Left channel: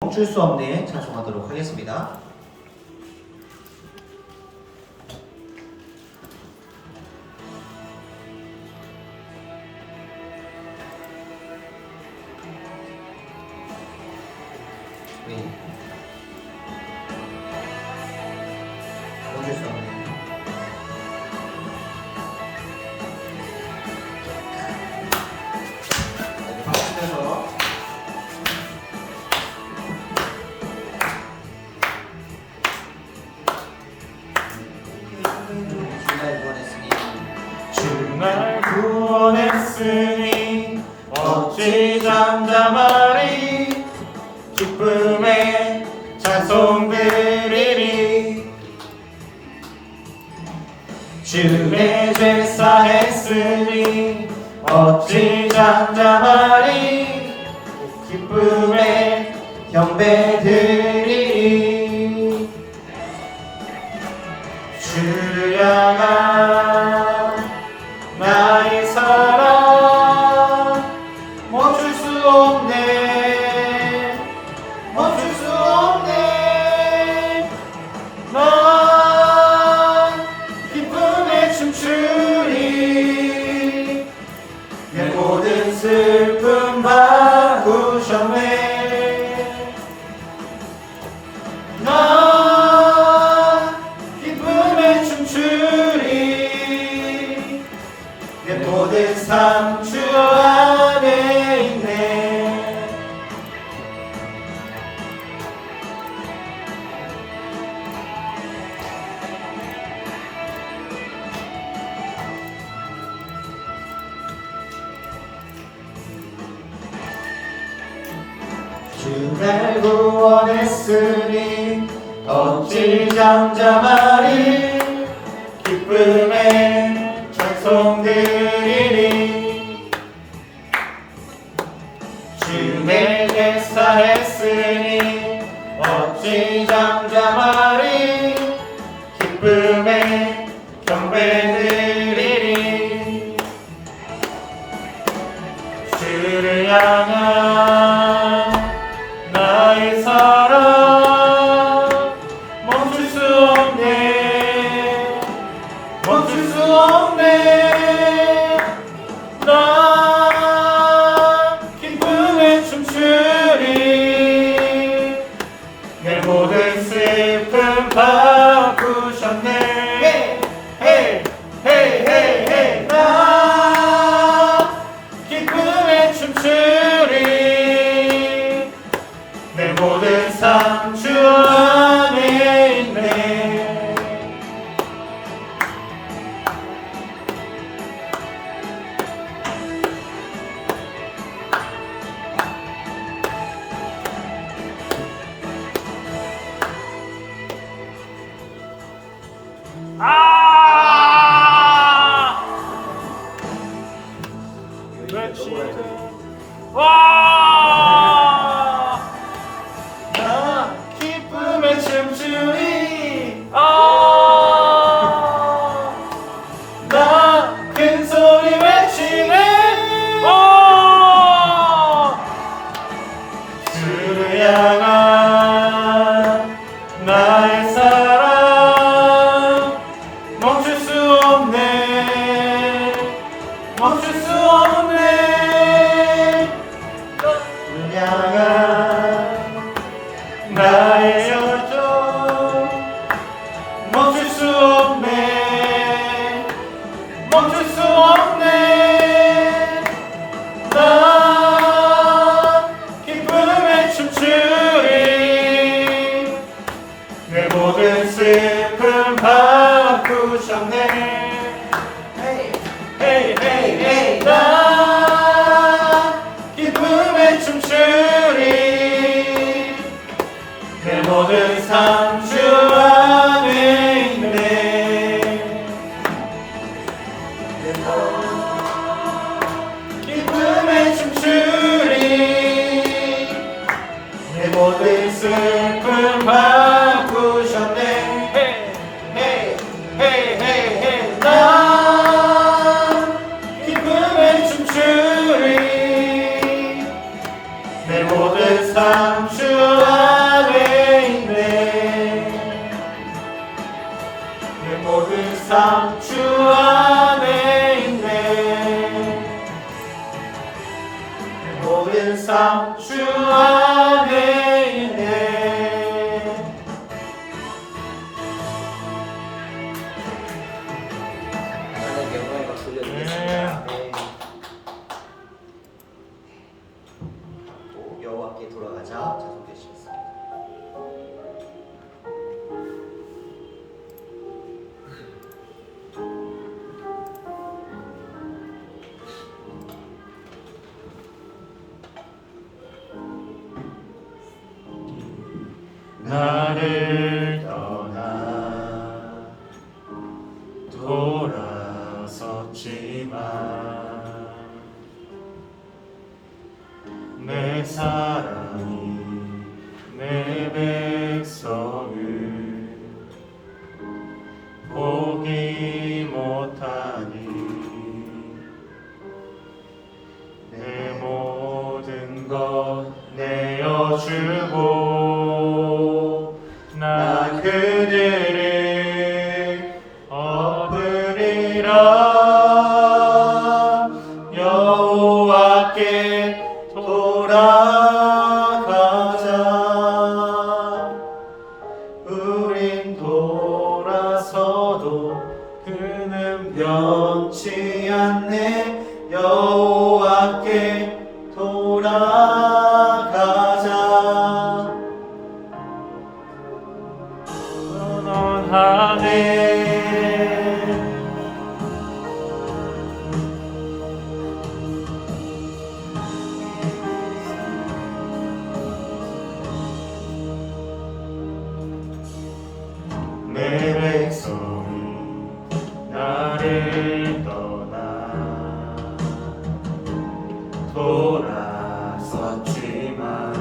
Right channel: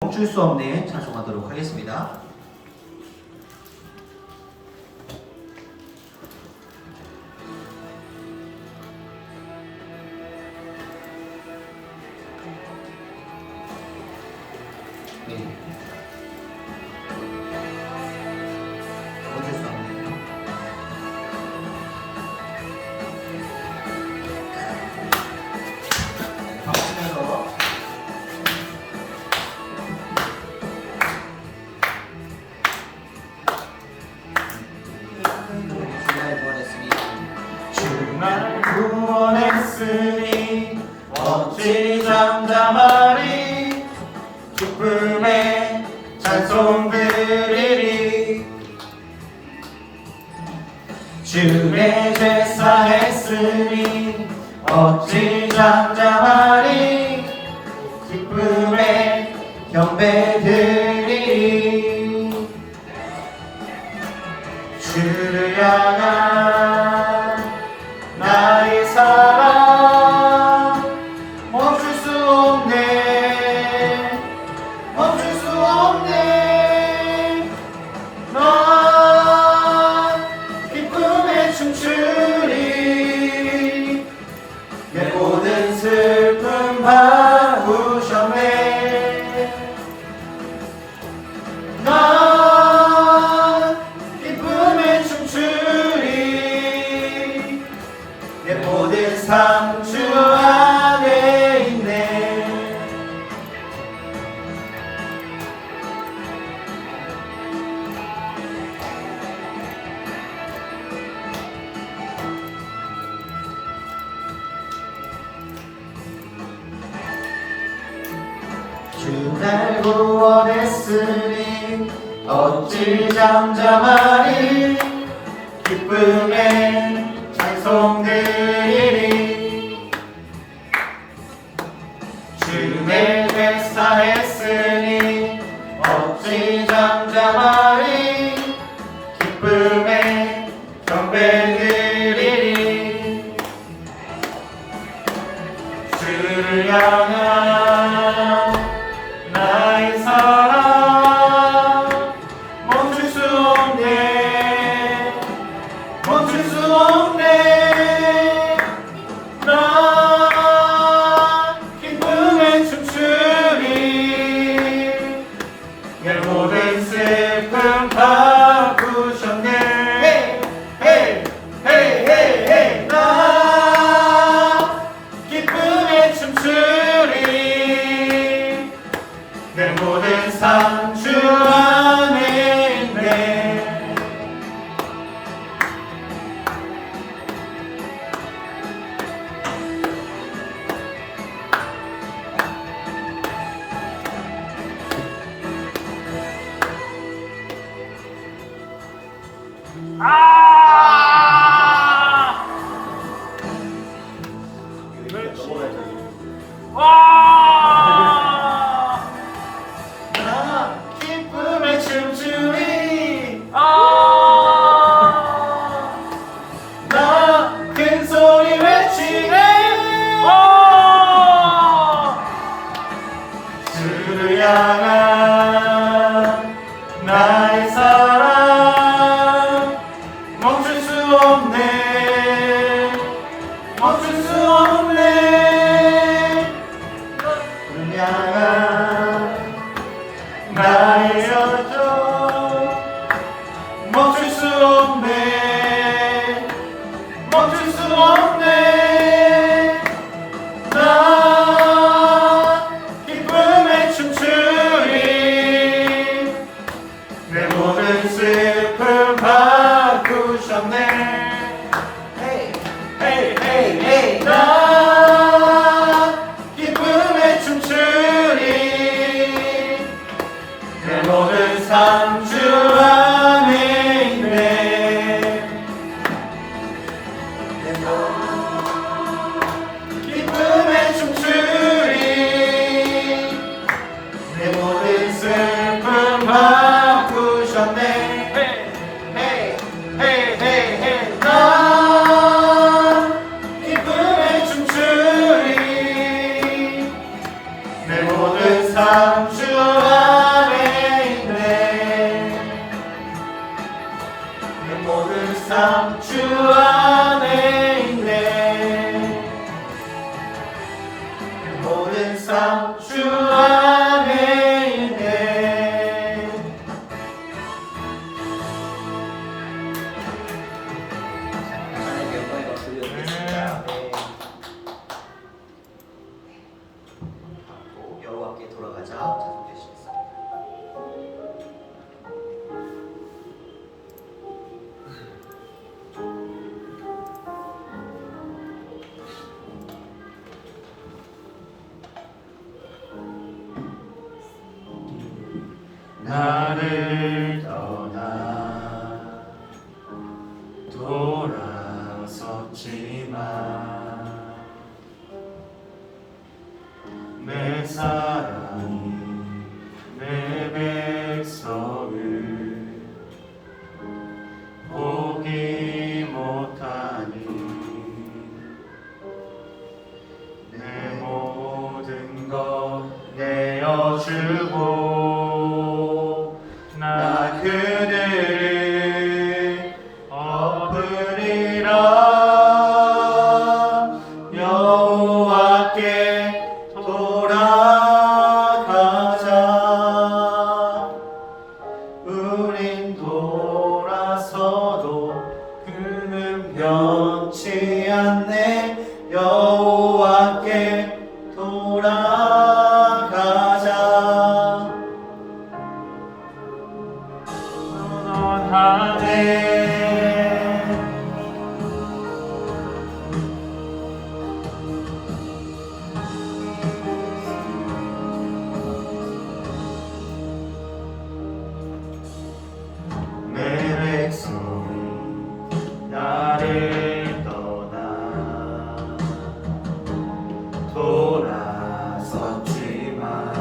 멈출 수 없네 찬송하도록 하겠습니다. 네. 멈출 수 없네. 박수쳐서 주날 구원했으니 어찌 잠잠하리. 기쁨의 찬송 드리리. 주의 제사 했으니 어찌 잠잠하리. 기쁨의 경배 드리리. 주를 향한 나의 사랑 멈출 수 없네. 멈출 수 없네. 나 기쁨에 춤추리. 내 모든 슬픔 바꾸셨네. 나 기쁨에 춤추리. 내 모든 삶 주 안에 있네. 주날 구원했으니 어찌 잠잠하리. 기쁨의 찬송 드리리. 주의 제사 했으니 어찌 잠잠하리. 기쁨의 경배 드리리. 주를 향한 나의 사랑 멈출 수 없네. 멈출 수 없네. 나 기쁨에 춤추리. 내 모든 슬픔 바꾸셨네. 헤이 헤이 헤이 헤이. 나 기쁨에 춤추리. 내 모든 삶 주 안에 있네. 나 기쁨에 춤추리. 나 큰 소리 외치네. 주를 향한 나의 사랑 멈출 수 없네. 멈출 수 없네. 주를 향한 나의 여정 멈출 수 없네. 멈출 수 없네. 나 기쁨에 춤추리. 내 모든 슬픔 바꾸셨네. 헤이 헤이 헤이 헤이. 나 기쁨에 춤추리. 내 모든 삶 주 안에 있네. 기쁨에 춤추리. 내 모든 슬픔 바꾸셨네. 헤이 헤이 헤이 헤이. 나 기쁨에 춤추리. 내 모든 삶 주 나를 떠나 돌아섰지만 내 사랑이 내 백성을 보기 못하니 내 모든 것 내어주고 나 그들을 엎으리라 여호와께 돌아가자 우린 돌아서도 그는 변치 않네 여호와께 돌아가자 선언하네 내 백성이 나를 떠나 돌아섰지만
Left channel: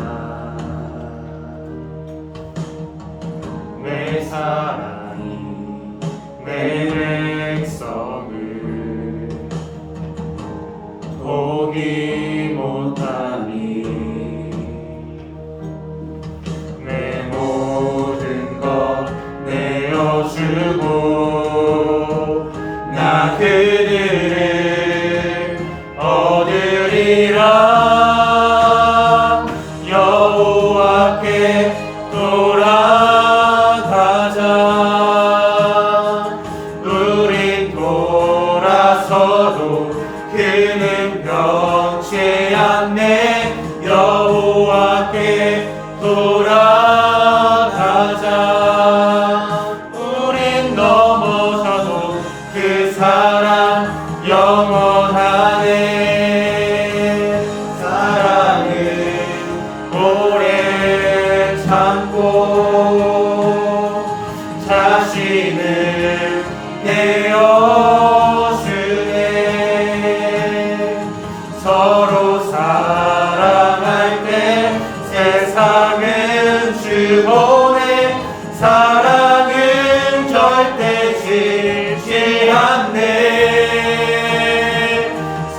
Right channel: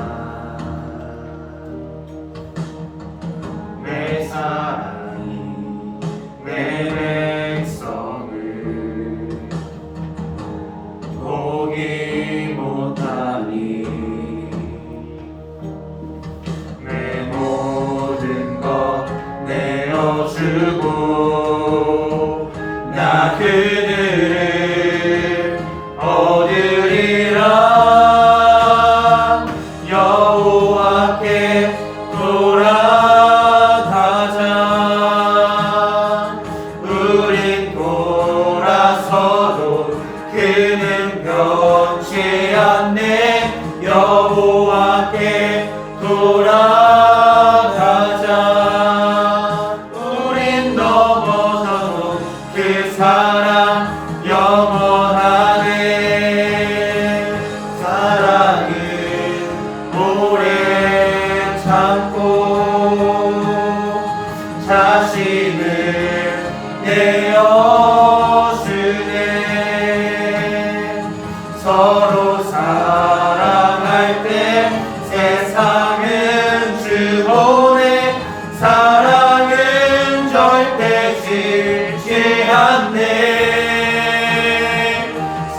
내 사랑이 내 백성을 보기 못하니 내 모든 것 내어주고 나 그들을 얻으리라 여호와께 돌아가자 우린 돌아서도 그는 변치 않네 여호와께 돌아가자 우린 넘어져도 그 사랑 영원하네 사랑은 오래 참고 자신을 내어주네 서로 사랑할 때 세상은 주보네 사랑은 절대 싫지 않네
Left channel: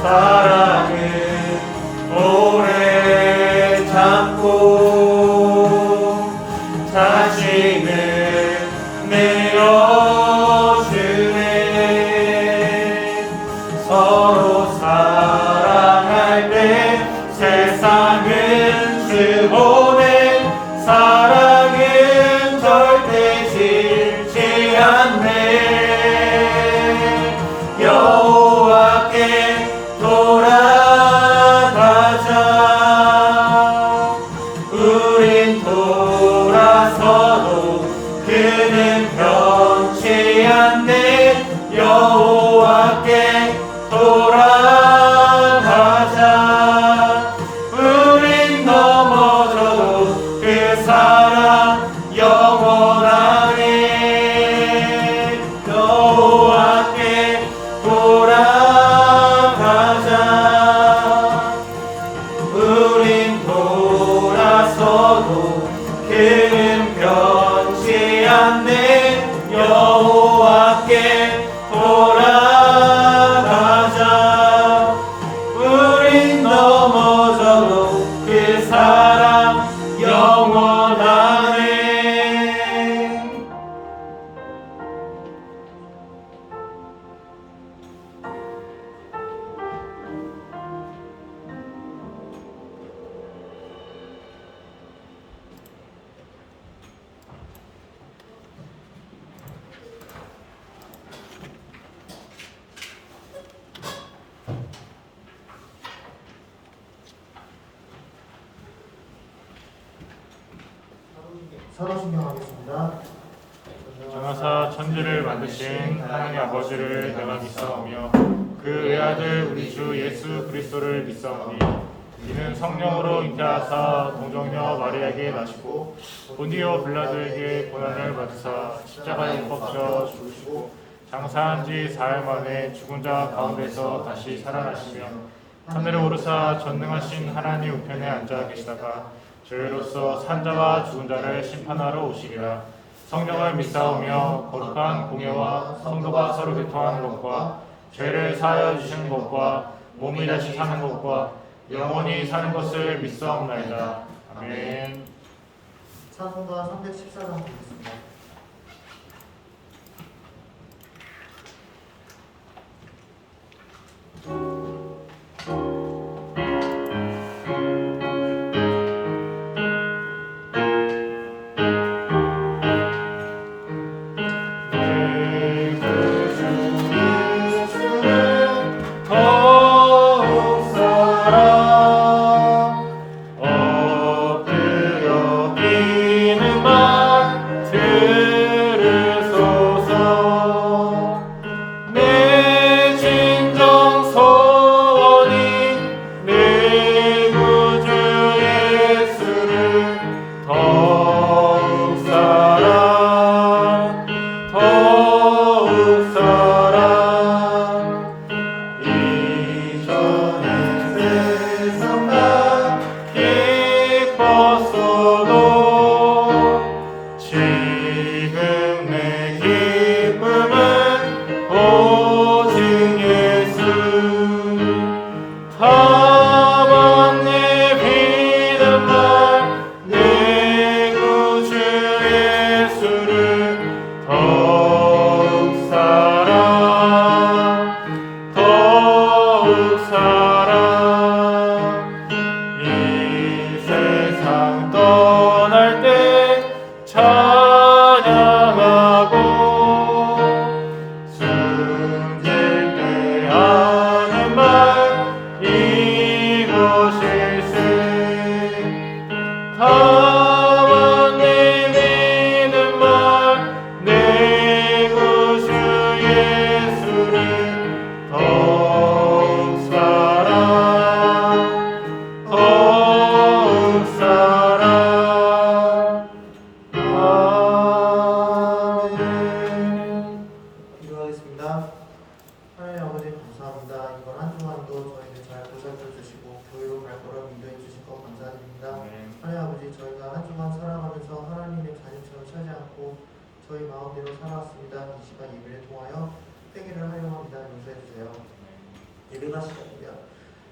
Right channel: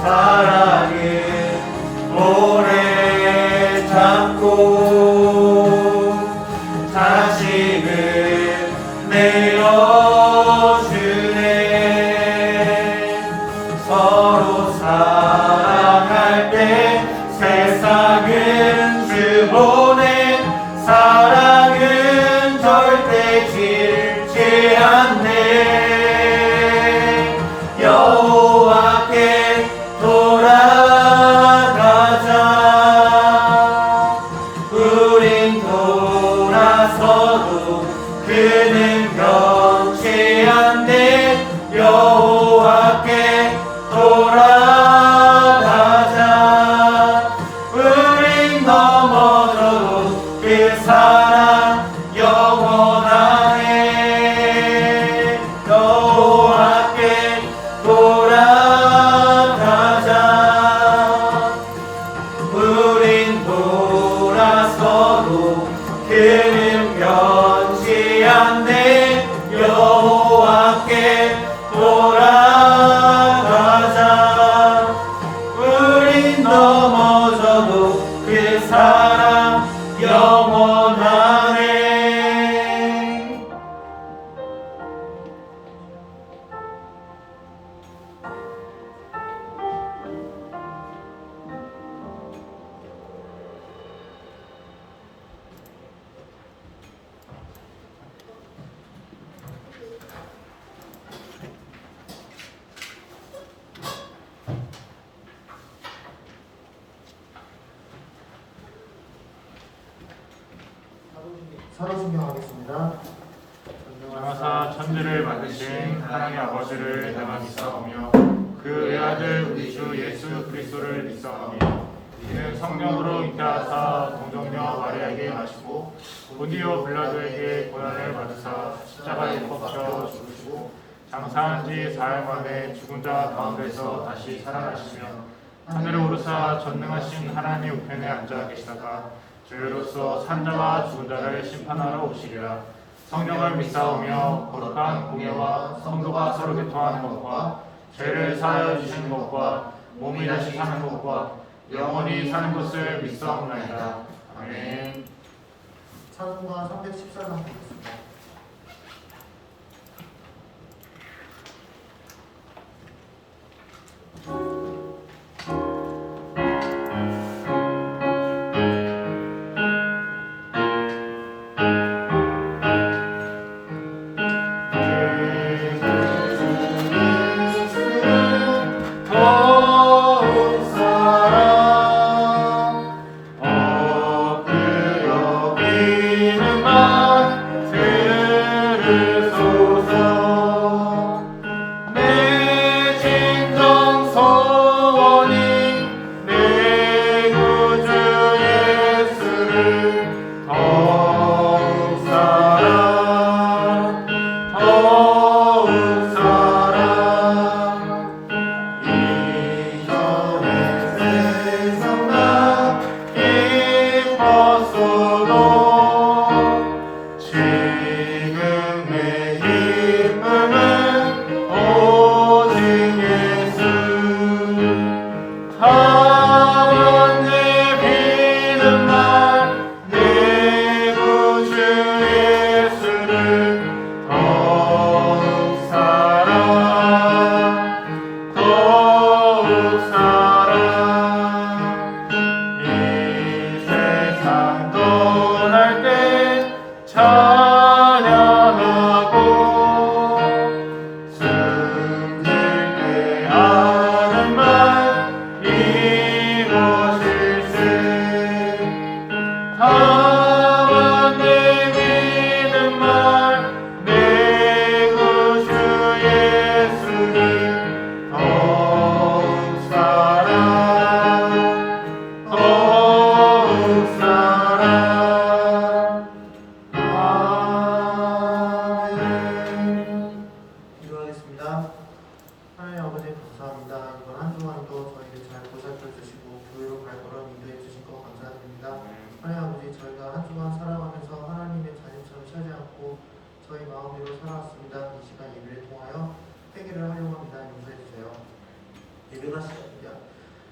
사랑은 오래 참고 자신을 내어주네 서로 사랑할 때 세상은 주보네 사랑은 절대 싫지 않네 여호와께 돌아가자 우린 돌아서도 그는 변치 않네 여호와께 돌아가자 우린 넘어져도 그 사랑 영원하네 여호와께 돌아가자 우린 돌아서도 그는 변치 않네 여호와께 돌아가자 우린 넘어져도 그 사랑 영원하네 사도신경 하겠습니다. 전하사 천지를 만드신 하나님 아버지를 당함 믿사오며 그 외아들 우리 주 예수 그리스도를 믿사오니 이는 성령으로 잉태하사 동정녀 마리아에게 나시고 본디오 빌라도에게 고난을 받으사 십자가에 못 박혀 죽으시고 장사한 지 사흘 만에 죽은 자 가운데서 다시 살아나시며 하늘에 오르사 전능하신 하나님의 우편에 앉아 계시다가 저희로서 산자와 죽은 자를 심판하러 오시리라. 성령을 믿사오며 거룩한 공예와 성도가 서로 교통하는 것과 죄를 사하여 주시는 것과 몸이 다시 사는 것과 영원히 사는 것을 믿사옵나이다. 아멘. 찬송가 314장 드리겠습니다.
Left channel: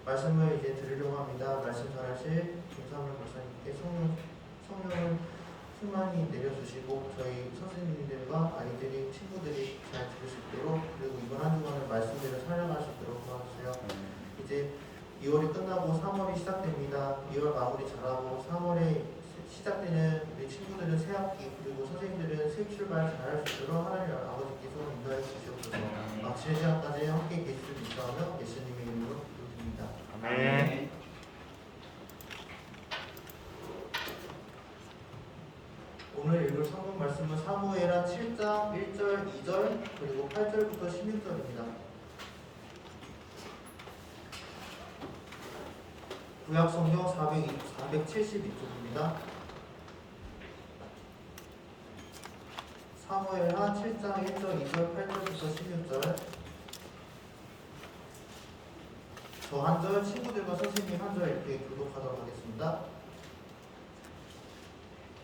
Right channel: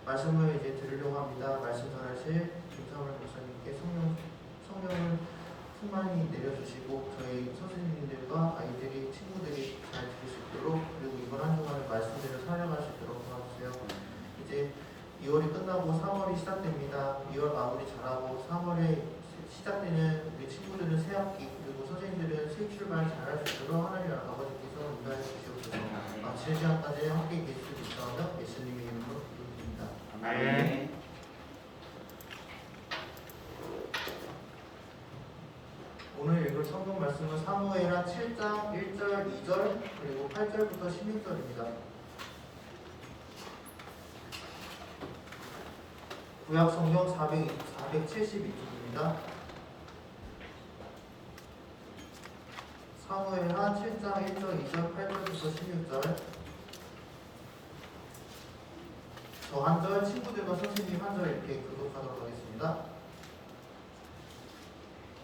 말씀을 이제 들으려고 합니다. 말씀 전하실 김성원 목사님께 성령을 충만히 내려주시고 저희 선생님들과 아이들이 친구들이 잘 들을 수 있도록 그리고 이번 한 주간의 말씀대로 살아갈 수 있도록 도와주세요. 이제 2월이 끝나고 3월이 시작됩니다. 2월 마무리 잘하고 3월에 시작되는 우리 친구들은 새 학기 그리고 선생님들은 새 출발 잘할 수 있도록 하나님 아버지께서 인도해 주시옵소서. 마치는 시간까지 함께 계실 수 있다며 예수님의 이름으로 기도드립니다. 아멘. 오늘 읽을 성경 말씀은 사무엘하 7장 1절, 2절 그리고 8절부터 16절입니다. 구약 성경 472쪽입니다. 사무엘하 7장 1절, 2절, 8절부터 16절. 저 한 절, 친구들과 선생님 한 절 이렇게 교독하도록 하겠습니다.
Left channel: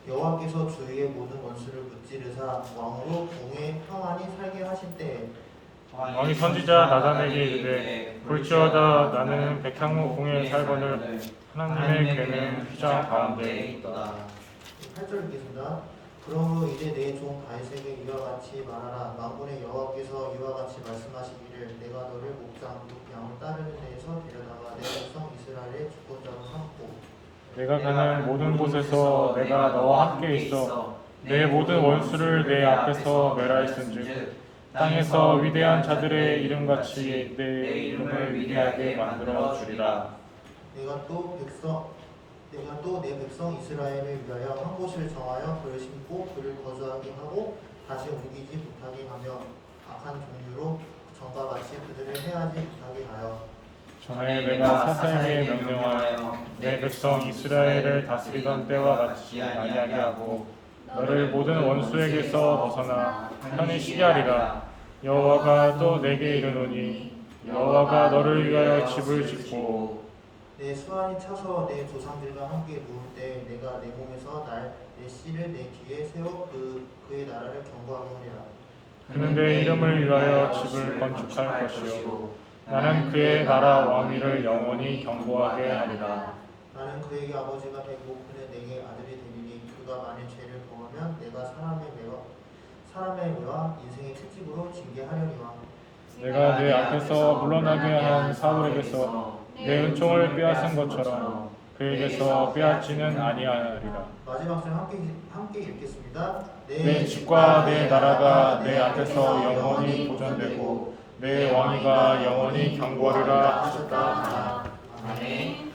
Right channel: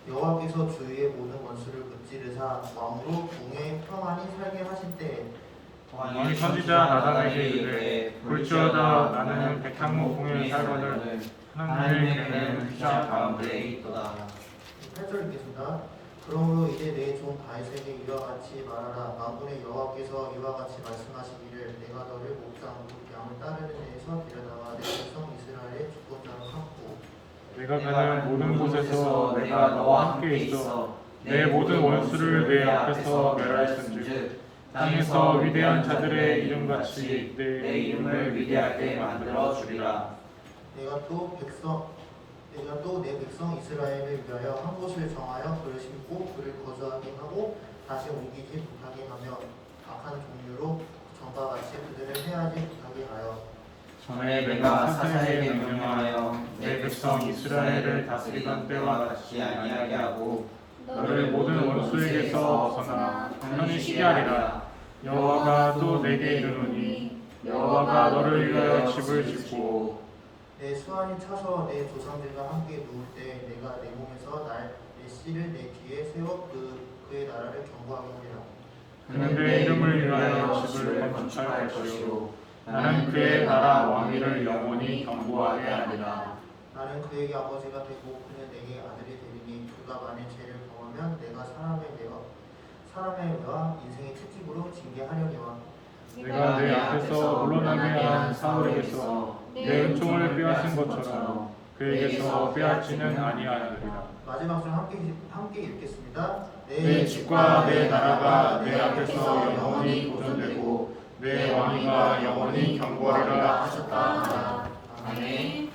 여호와께서 주의 모든 원수를 무찌르사 왕으로 공에 평안히 살게 하신 때에 왕이 선지자 나단에게 이르되 볼지어다 나는 백향무 공에 살거늘 하나님의 괴는 휘장 가운데 있도다. 8절 읽겠습니다. 그러므로 이제 내 종 다윗에게 이와 같이 말하라. 만군의 여호와께서 이와 같이 말씀하시기를 내가 너를 목장 양을 따르는 데에서 데려다가 내 백성 이스라엘의 주권자로 삼고 내가 가는 모든 곳에서 내가 너와 함께 있어 내 모든 원수를 내 앞에서 멸하였은즉 땅에서 위대한 자들의 이름같이 내 이름을 위대하게 만들어 주리라. 내가 또 내 백성 이스라엘을 위하여 한 곳을 정하여 그를 심고 그를 거주하게 하고 다시 옮기지 못하게 하며 악한 종류로 전과 같이 그들을 해하지 못하게 하여 전에 내가 사사에게 명령하여 내 백성 이스라엘을 다스리던 때와 같이 아니하게 하고 너를 모든 원수에게서 벗어나 편히 쉬게 하리라. 여호와가 또 내게 이르노니 여호와가 너를 위하여 집을 짓고 내 수완이 차서 내 조상들과 함께 누울 때 내가 내 몸에서 내 씨를 내 뒤에 세워 그의 나라를 견고하게 하리라. 그는 내 이름을 위하여 집을 건축할 것이요 나는 그의 나라 왕위를 영원히 견고하게 하리라. 나는 그에게 아버지가 되고 그는 내게 아들이 되리니 그가 만일 죄를 범하면 내가 사람의 매와 인생의 채찍으로 징계하려니와 내가 내 앞에서 물러나게 한 사울에게서 내 은총을 빼앗은 것처럼 그에게서 빼앗지는 아니하리라. 마지막 절 함께 읽겠습니다. 내 집과 내 나라가 내 앞에서 영원히 보존되고 내 왕위가 영원히 견고하리라 하셨다. 아멘.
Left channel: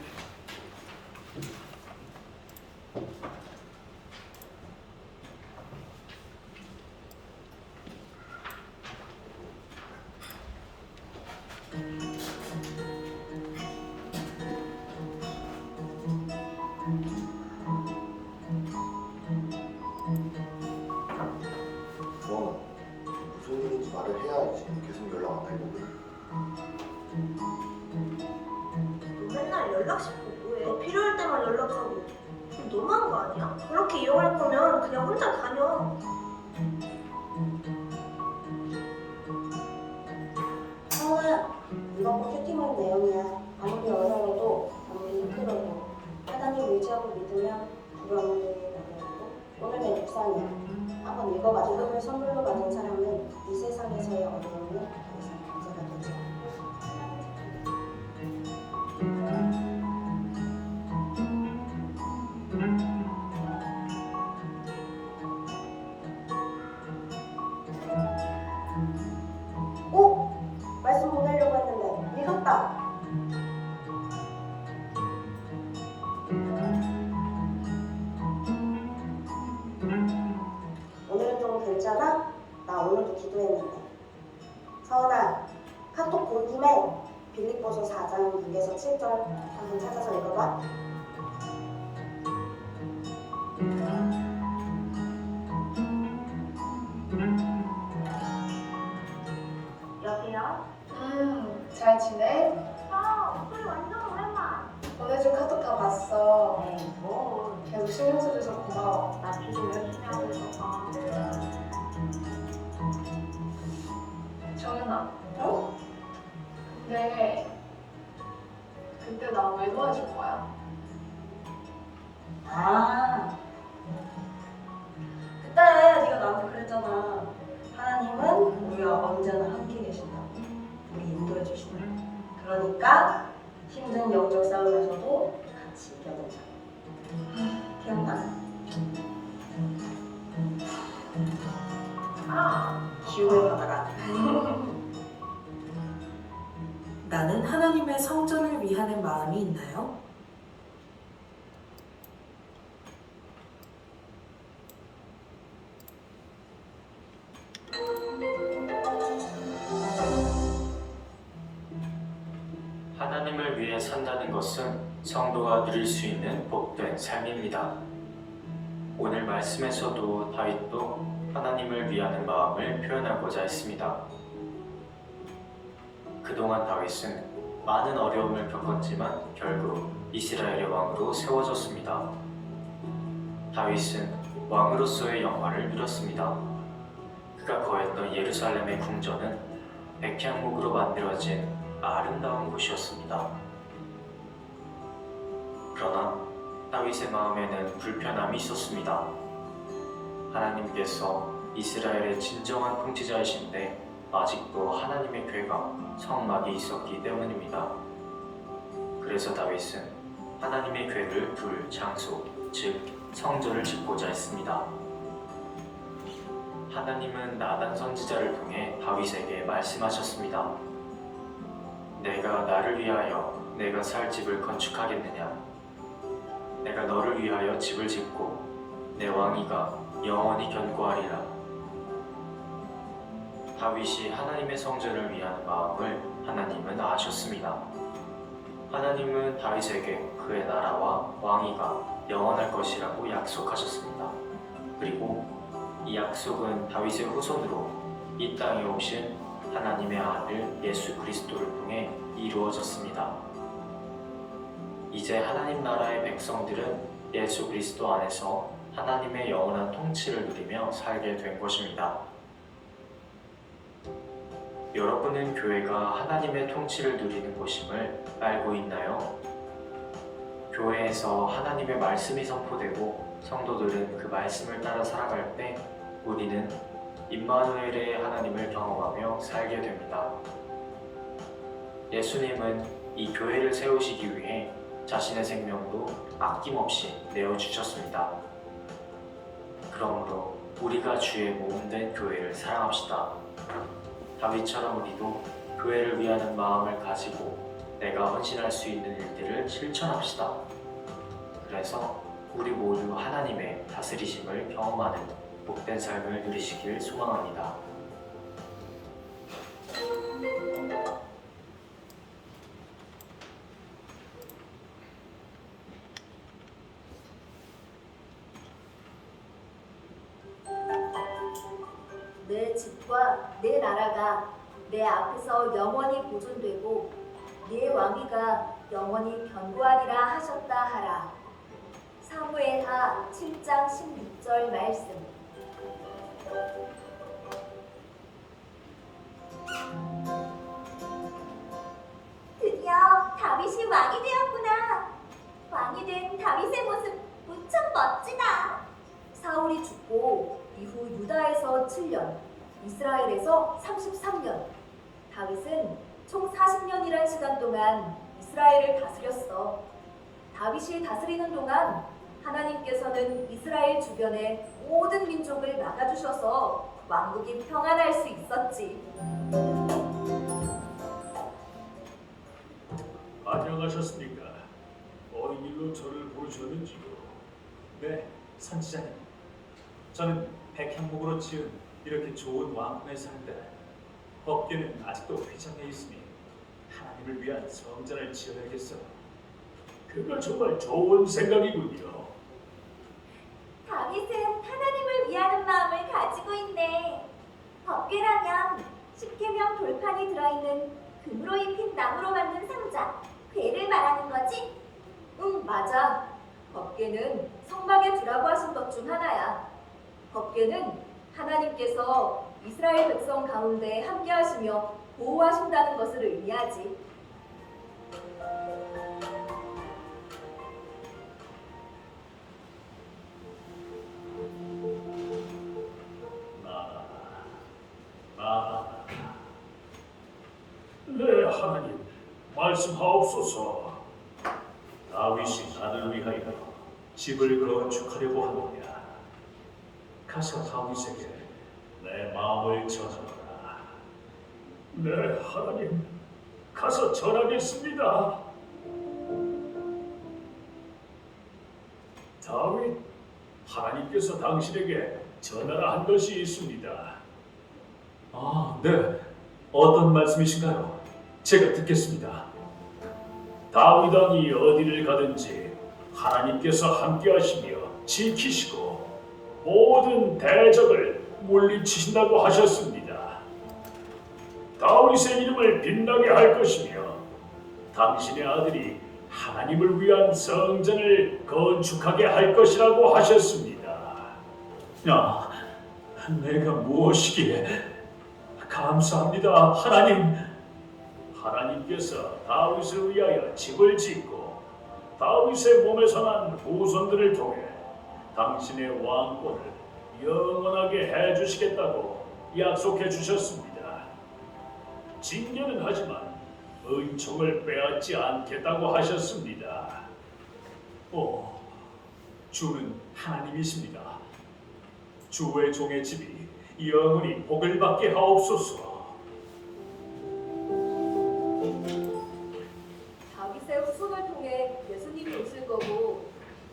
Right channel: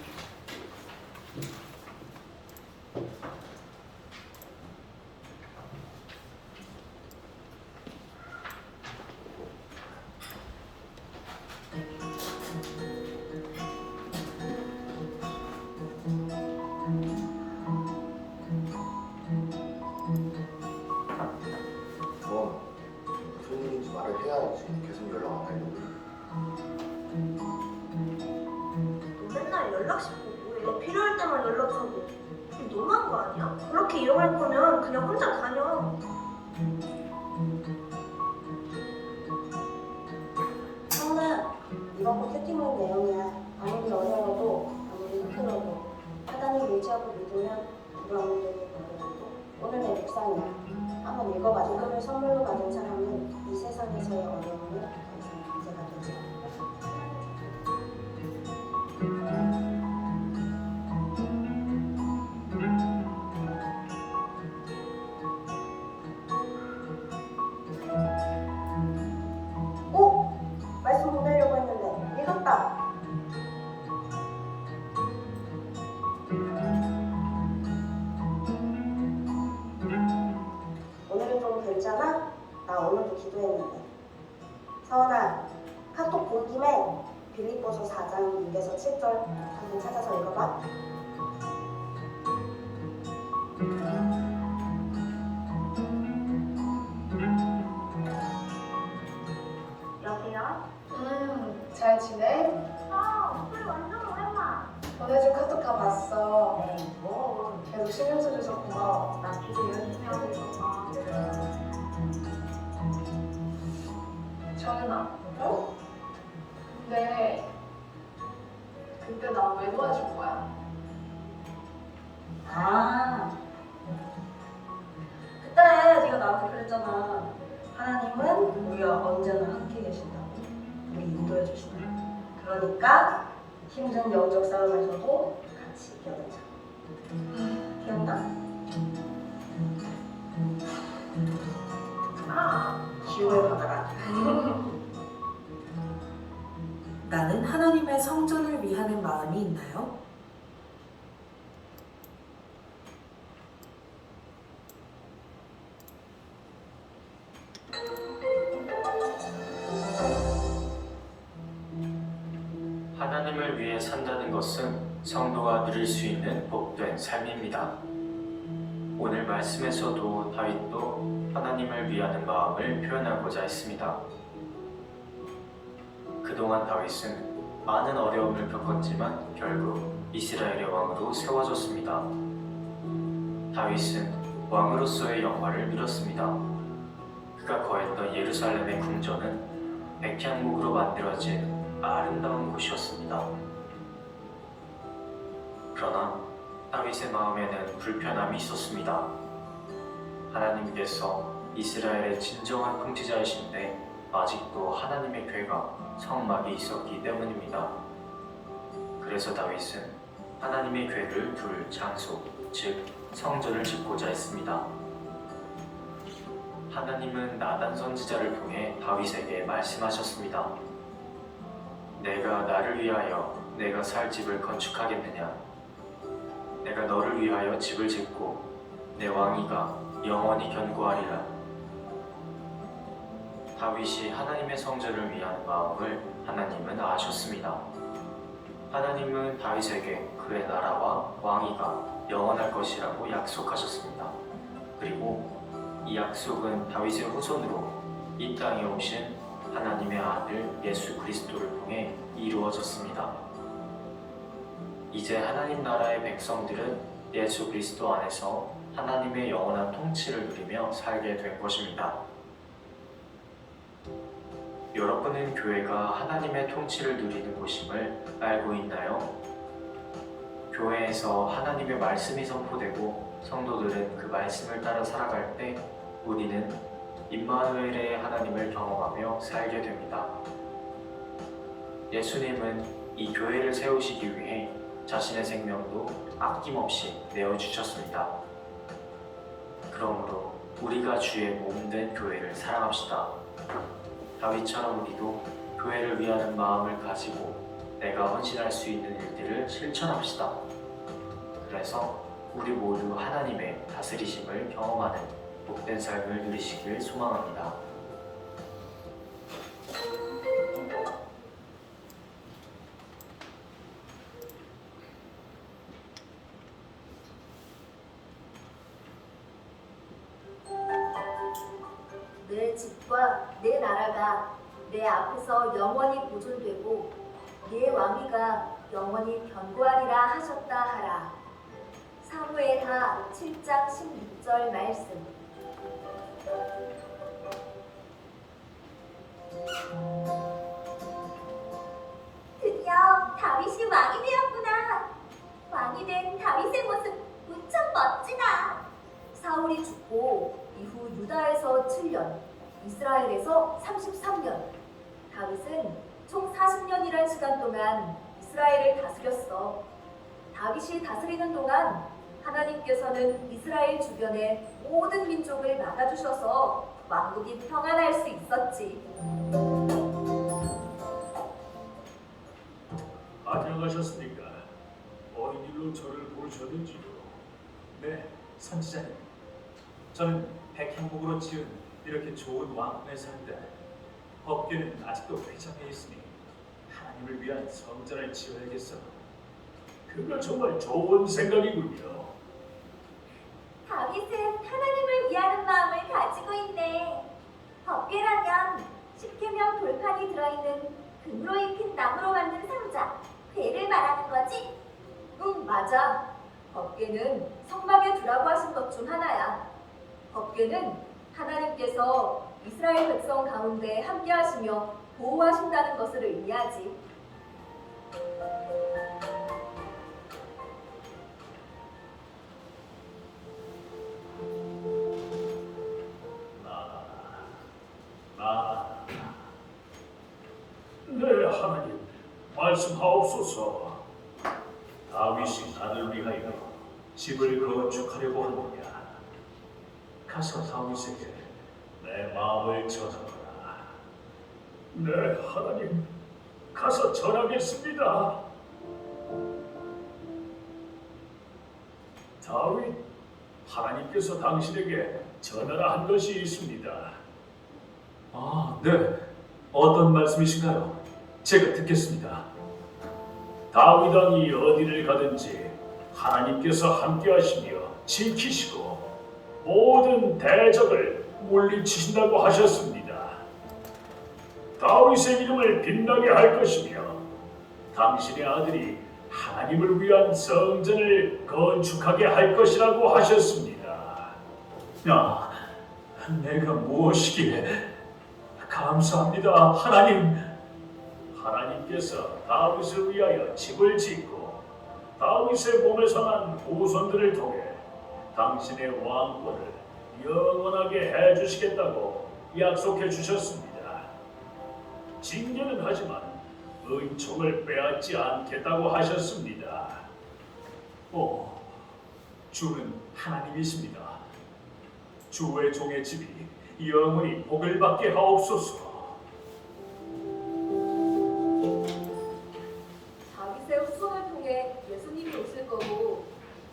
그럼 무슨 일인지 말을 해야지. 계속 연락 안 하려고. 너 맨날 연락씩 보고 너 필요할 때만 연락하고 그거 너무한 거 아니야? 그렇게 이용할 거면 그냥 혼자 다녀. 성우야, 이번 거 큐티물 내용이야. 아무리 어려워도 아무리 힘들어도 하나님 의지하고 믿으면 우리 어머니를 받아들고 오늘 내 묵상이야. 한번 읽어봐. 이거를 선물로 받은 사람은 이 세상에서의 어려움을 더 이상 문제가 되지 않고 오! 말씀 보내려고 했는데 읽었다. 오늘은 좀 괜찮아? 나 오늘도 기도했는데. 서원아, 카톡 본 김에 빌립보서 4장 6에서 7절 한번 찾아서 읽어봐. 여보세요? 잘 지내? 야, 우리 완전 오랜만. 보내준 카톡 다 봤어. 뭐? 계속 신경 써줘서 고마워. 나 지금 열심히 하고 있어서. 정은아, 어? 근데 그때 나 왜 도와줄 거야? 아, 그때 네가 나한테 그랬잖아. 하나님은 우리가 언제나 함께 계신다고. 우리 인도해 주신다. 그러니까 힘든 영적 싸움에서도 같이 이겨내자. 기억나? 기운을 받아라. 나는 하나님의 성전을 위하는 마음이 있나요? 하나님을 위해 산다는 것은 성도가 누릴 수 있는 복된 삶입니다. 오늘 말씀에서도 다윗도 하나님을 위하는 마음을 표현하고자 했습니다. 그동안 다윗은 많은 어려움을 겪었지만 결국 이스라엘의 왕으로 세워졌습니다. 다윗은 왕으로서의 영화를 누렸습니다. 그가 거했던 예루살렘의 궁전은 백향목으로 만들어진 아름다운 곳이었습니다. 그러나 다윗의 마음에는 불편함이 있었습니다. 하나님께서 이스라엘의 진정한 통치자이신데 아직도 하나님의 괴가 성막이 있었기 때문입니다. 그래서 다윗은 하나님의 괴를 둘 장소, 즉 성전을 짓고자 했습니다. 하나님은 나단 선지자를 통해 다윗에게 말씀하셨습니다. 내가 나를 위하여 내가 살 집을 건축하겠느냐? 내가 너를 위하여 집을 짓고 내 왕위가 영원히 견고하리라. 다윗이 하나님의 성전을 위한 마음을 하나님은 아셨습니다. 하나님은 다윗에게 그의 나라와 왕위가 영원할 것이라고 약속하셨습니다. 그리고 이 약속은 다윗의 후손으로 이 땅에 오신 하나님의 아들 예수 그리스도를 통해 이루어졌습니다. 이제 하나님 나라의 백성들은 예수 그리스도 안에서 하나님의 영원한 통치를 누리며 살게 된 것입니다. 여러분은 교회가 하나님의 통치를 누리는 곳임을 알고 있나요? 교회에서 하나님의 말씀이 선포되고 성도들은 그 말씀을 따라 살아갈 때 우리는 임마누엘의 하나님을 경험하며 살게 됩니다. 예수님은 이 교회를 세우시기 위해 자신의 생명도 아낌없이 내어주셨습니다. 그러므로 우리가 주의 몸된 교회를 사랑합시다. 다윗처럼 우리도 교회를 위하는 마음을 가지고 내가 헌신할 수 있는 일들을 실천합시다. 그래서 우리 모두 하나님의 다스리심을 경험하는 복된 삶을 누리시길 소망합니다. 내 집과 내 나라가 내 앞에서 영원히 보존되고 네 왕위가 영원히 견고하리라 하셨다 하라. 사무엘하 7장 16절 말씀. 드디어 다윗이 왕이 되었구나. 왕이 된 다윗의 모습 무척 멋지다. 사울이 죽고 이후 유다에서 7년, 이스라엘에서 33년, 다윗은 총 40년이란 시간 동안 이스라엘을 다스렸어. 다윗이 다스리는 동안 하나님께서는 이스라엘 주변의 모든 민족을 막아주셔서 왕국이 평안할 수 있었지. 안녕하셨습니까? 어인 일로 저를 부르셨는지요? 네, 선지자님. 저는 백향목으로 지은 이렇게 좋은 왕궁에 살때 법궤는 아직도 회장해 있으니 하나님을 위한 성전을 지어야겠어요. 그거 정말 좋은 생각이군요. 다윗은 하나님을 위하는 마음을 가지고 있네. 법궤라면 십계명 돌판이 들어있는 금으로 입힌 나무로 만든 상자, 궤를 말하는 거지? 응, 맞아. 법궤는 성막에 두라고 하신 것 중 하나야. 법궤는 하나님께서 이스라엘 백성 가운데 함께 하시며 보호하신다는 것을 의미하지. 네, 하나님, 말씀하옵소서. 다윗이 나를 위하여 집을 건축하려고 하느냐. 가서 다윗에게 내 마음을 전하노라. 네, 하나님, 가서 전하겠습니다. 다윗, 하나님께서 당신에게 전하라 한 것이 있습니다. 아, 네. 어떤 말씀이신가요? 제가 듣겠습니다. 다윗 왕이 어디를 가든지 하나님께서 함께하시며 지키시고 모든 대적을 물리치신다고 하셨습니다. 다윗의 이름을 빛나게 할 것이며 당신의 아들이 하나님을 위한 성전을 건축하게 할 것이라고 하셨습니다. 야, 내가 무엇이기에? 감사합니다, 하나님. 하나님께서 다윗을 위하여 집을 짓고 다윗의 몸에서 난 후손들을 통해 당신의 왕권을 영원하게 해주시겠다고 약속해 주셨습니다. 징계는 하지만 은총을 빼앗지 않겠다고 하셨습니다. 주는 하나님이십니다. 주의 종의 집이 영원히 복을 받게 하옵소서. 다윗의 후손을 통해 예수님이 오실 거고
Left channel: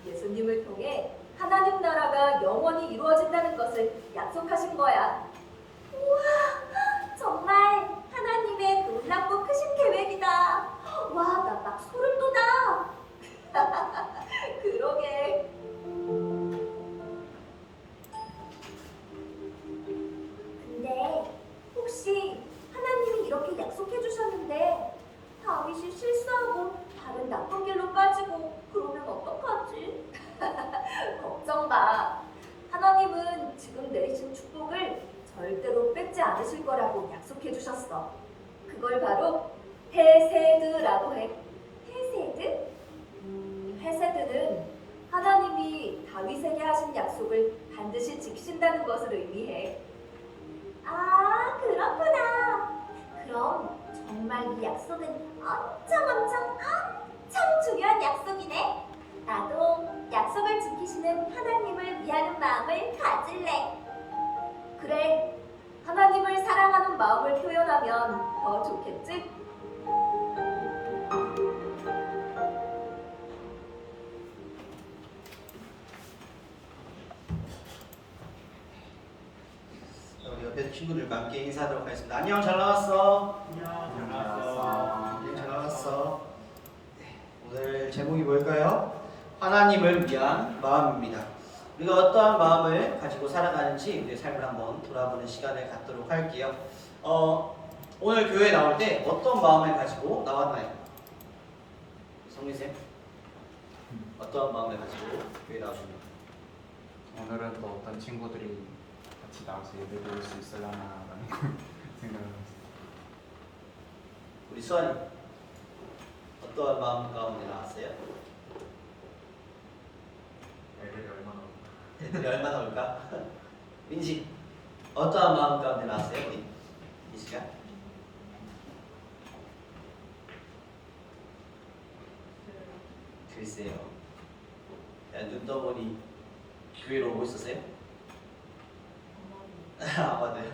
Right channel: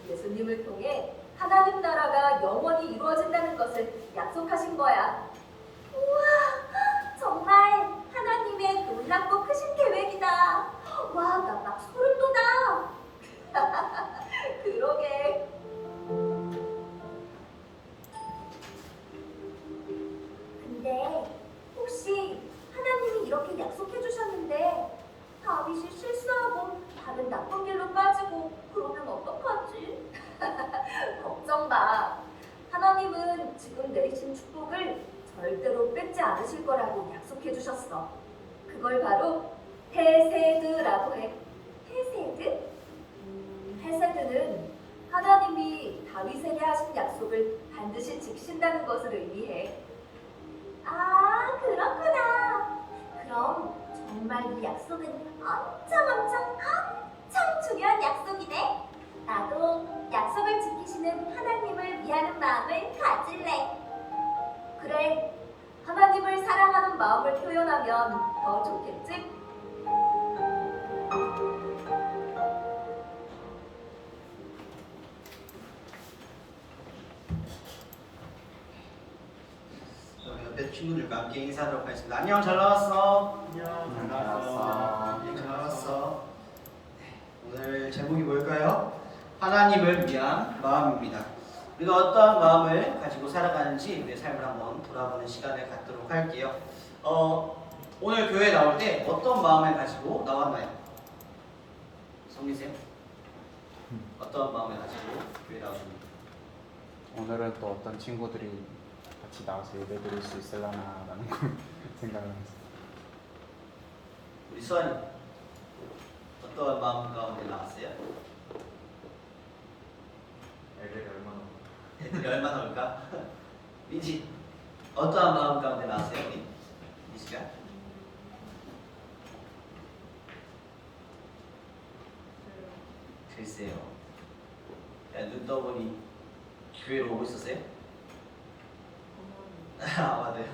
예수님을 통해 하나님 나라가 영원히 이루어진다는 것을 약속하신 거야. 우와, 정말 하나님의 놀랍고 크신 계획이다. 와, 나 막 소름 그러게. 근데 혹시 하나님이 이렇게 약속해 주셨는데 다윗이 실수하고 다른 나쁜 길로 빠지고 그러면 어떡하지? 걱정 마. 하나님은 지금 내리신 축복을 절대로 뺏지 않으실 거라고 약속해 주셨어. 그걸 바로 헤세드라고 해. 헤세드? 헤세드는 하나님이 다윗에게 하신 약속을 반드시 지키신다는 것을 의미해. 아, 그렇구나. 그럼 정말 이 약속은 엄청 중요한 약속이네. 나도 약속을 지키시는 하나님을 위하는 마음을 가질래. 그래, 하나님을 사랑하는 마음을 표현하면 더 좋겠지? 옆에 친구들과 함께 인사하도록 하겠습니다. 안녕, 잘 나왔어. 잘 나왔어. 잘 나왔어. 네, 오늘 제목이 뭘까요? 하나님을 위한 마음입니다. 우리가 어떠한 마음을 가지고 살아가는지 우리의 삶을 한번 돌아보는 시간을 갖도록 할게요. 오늘 교회에 나올 때 어떤 마음을 가지고 나왔나요? 성민쌤? 어떤 마음을 가지고 교회에 나오셨나요? 오늘은 또 어떤 친구들이 같이 나와서 예배 드릴 수 있으려나라는 생각을 했어요. 우리 수아님 어떠한 마음 가운데 나왔어요? 애들이 얼마나 올까? 민지 어떠한 마음 가운데 나왔어요? 우리 민지가? 글쎄요. 눈 떠보니 교회로 오고 있었어요? 아, 맞아요.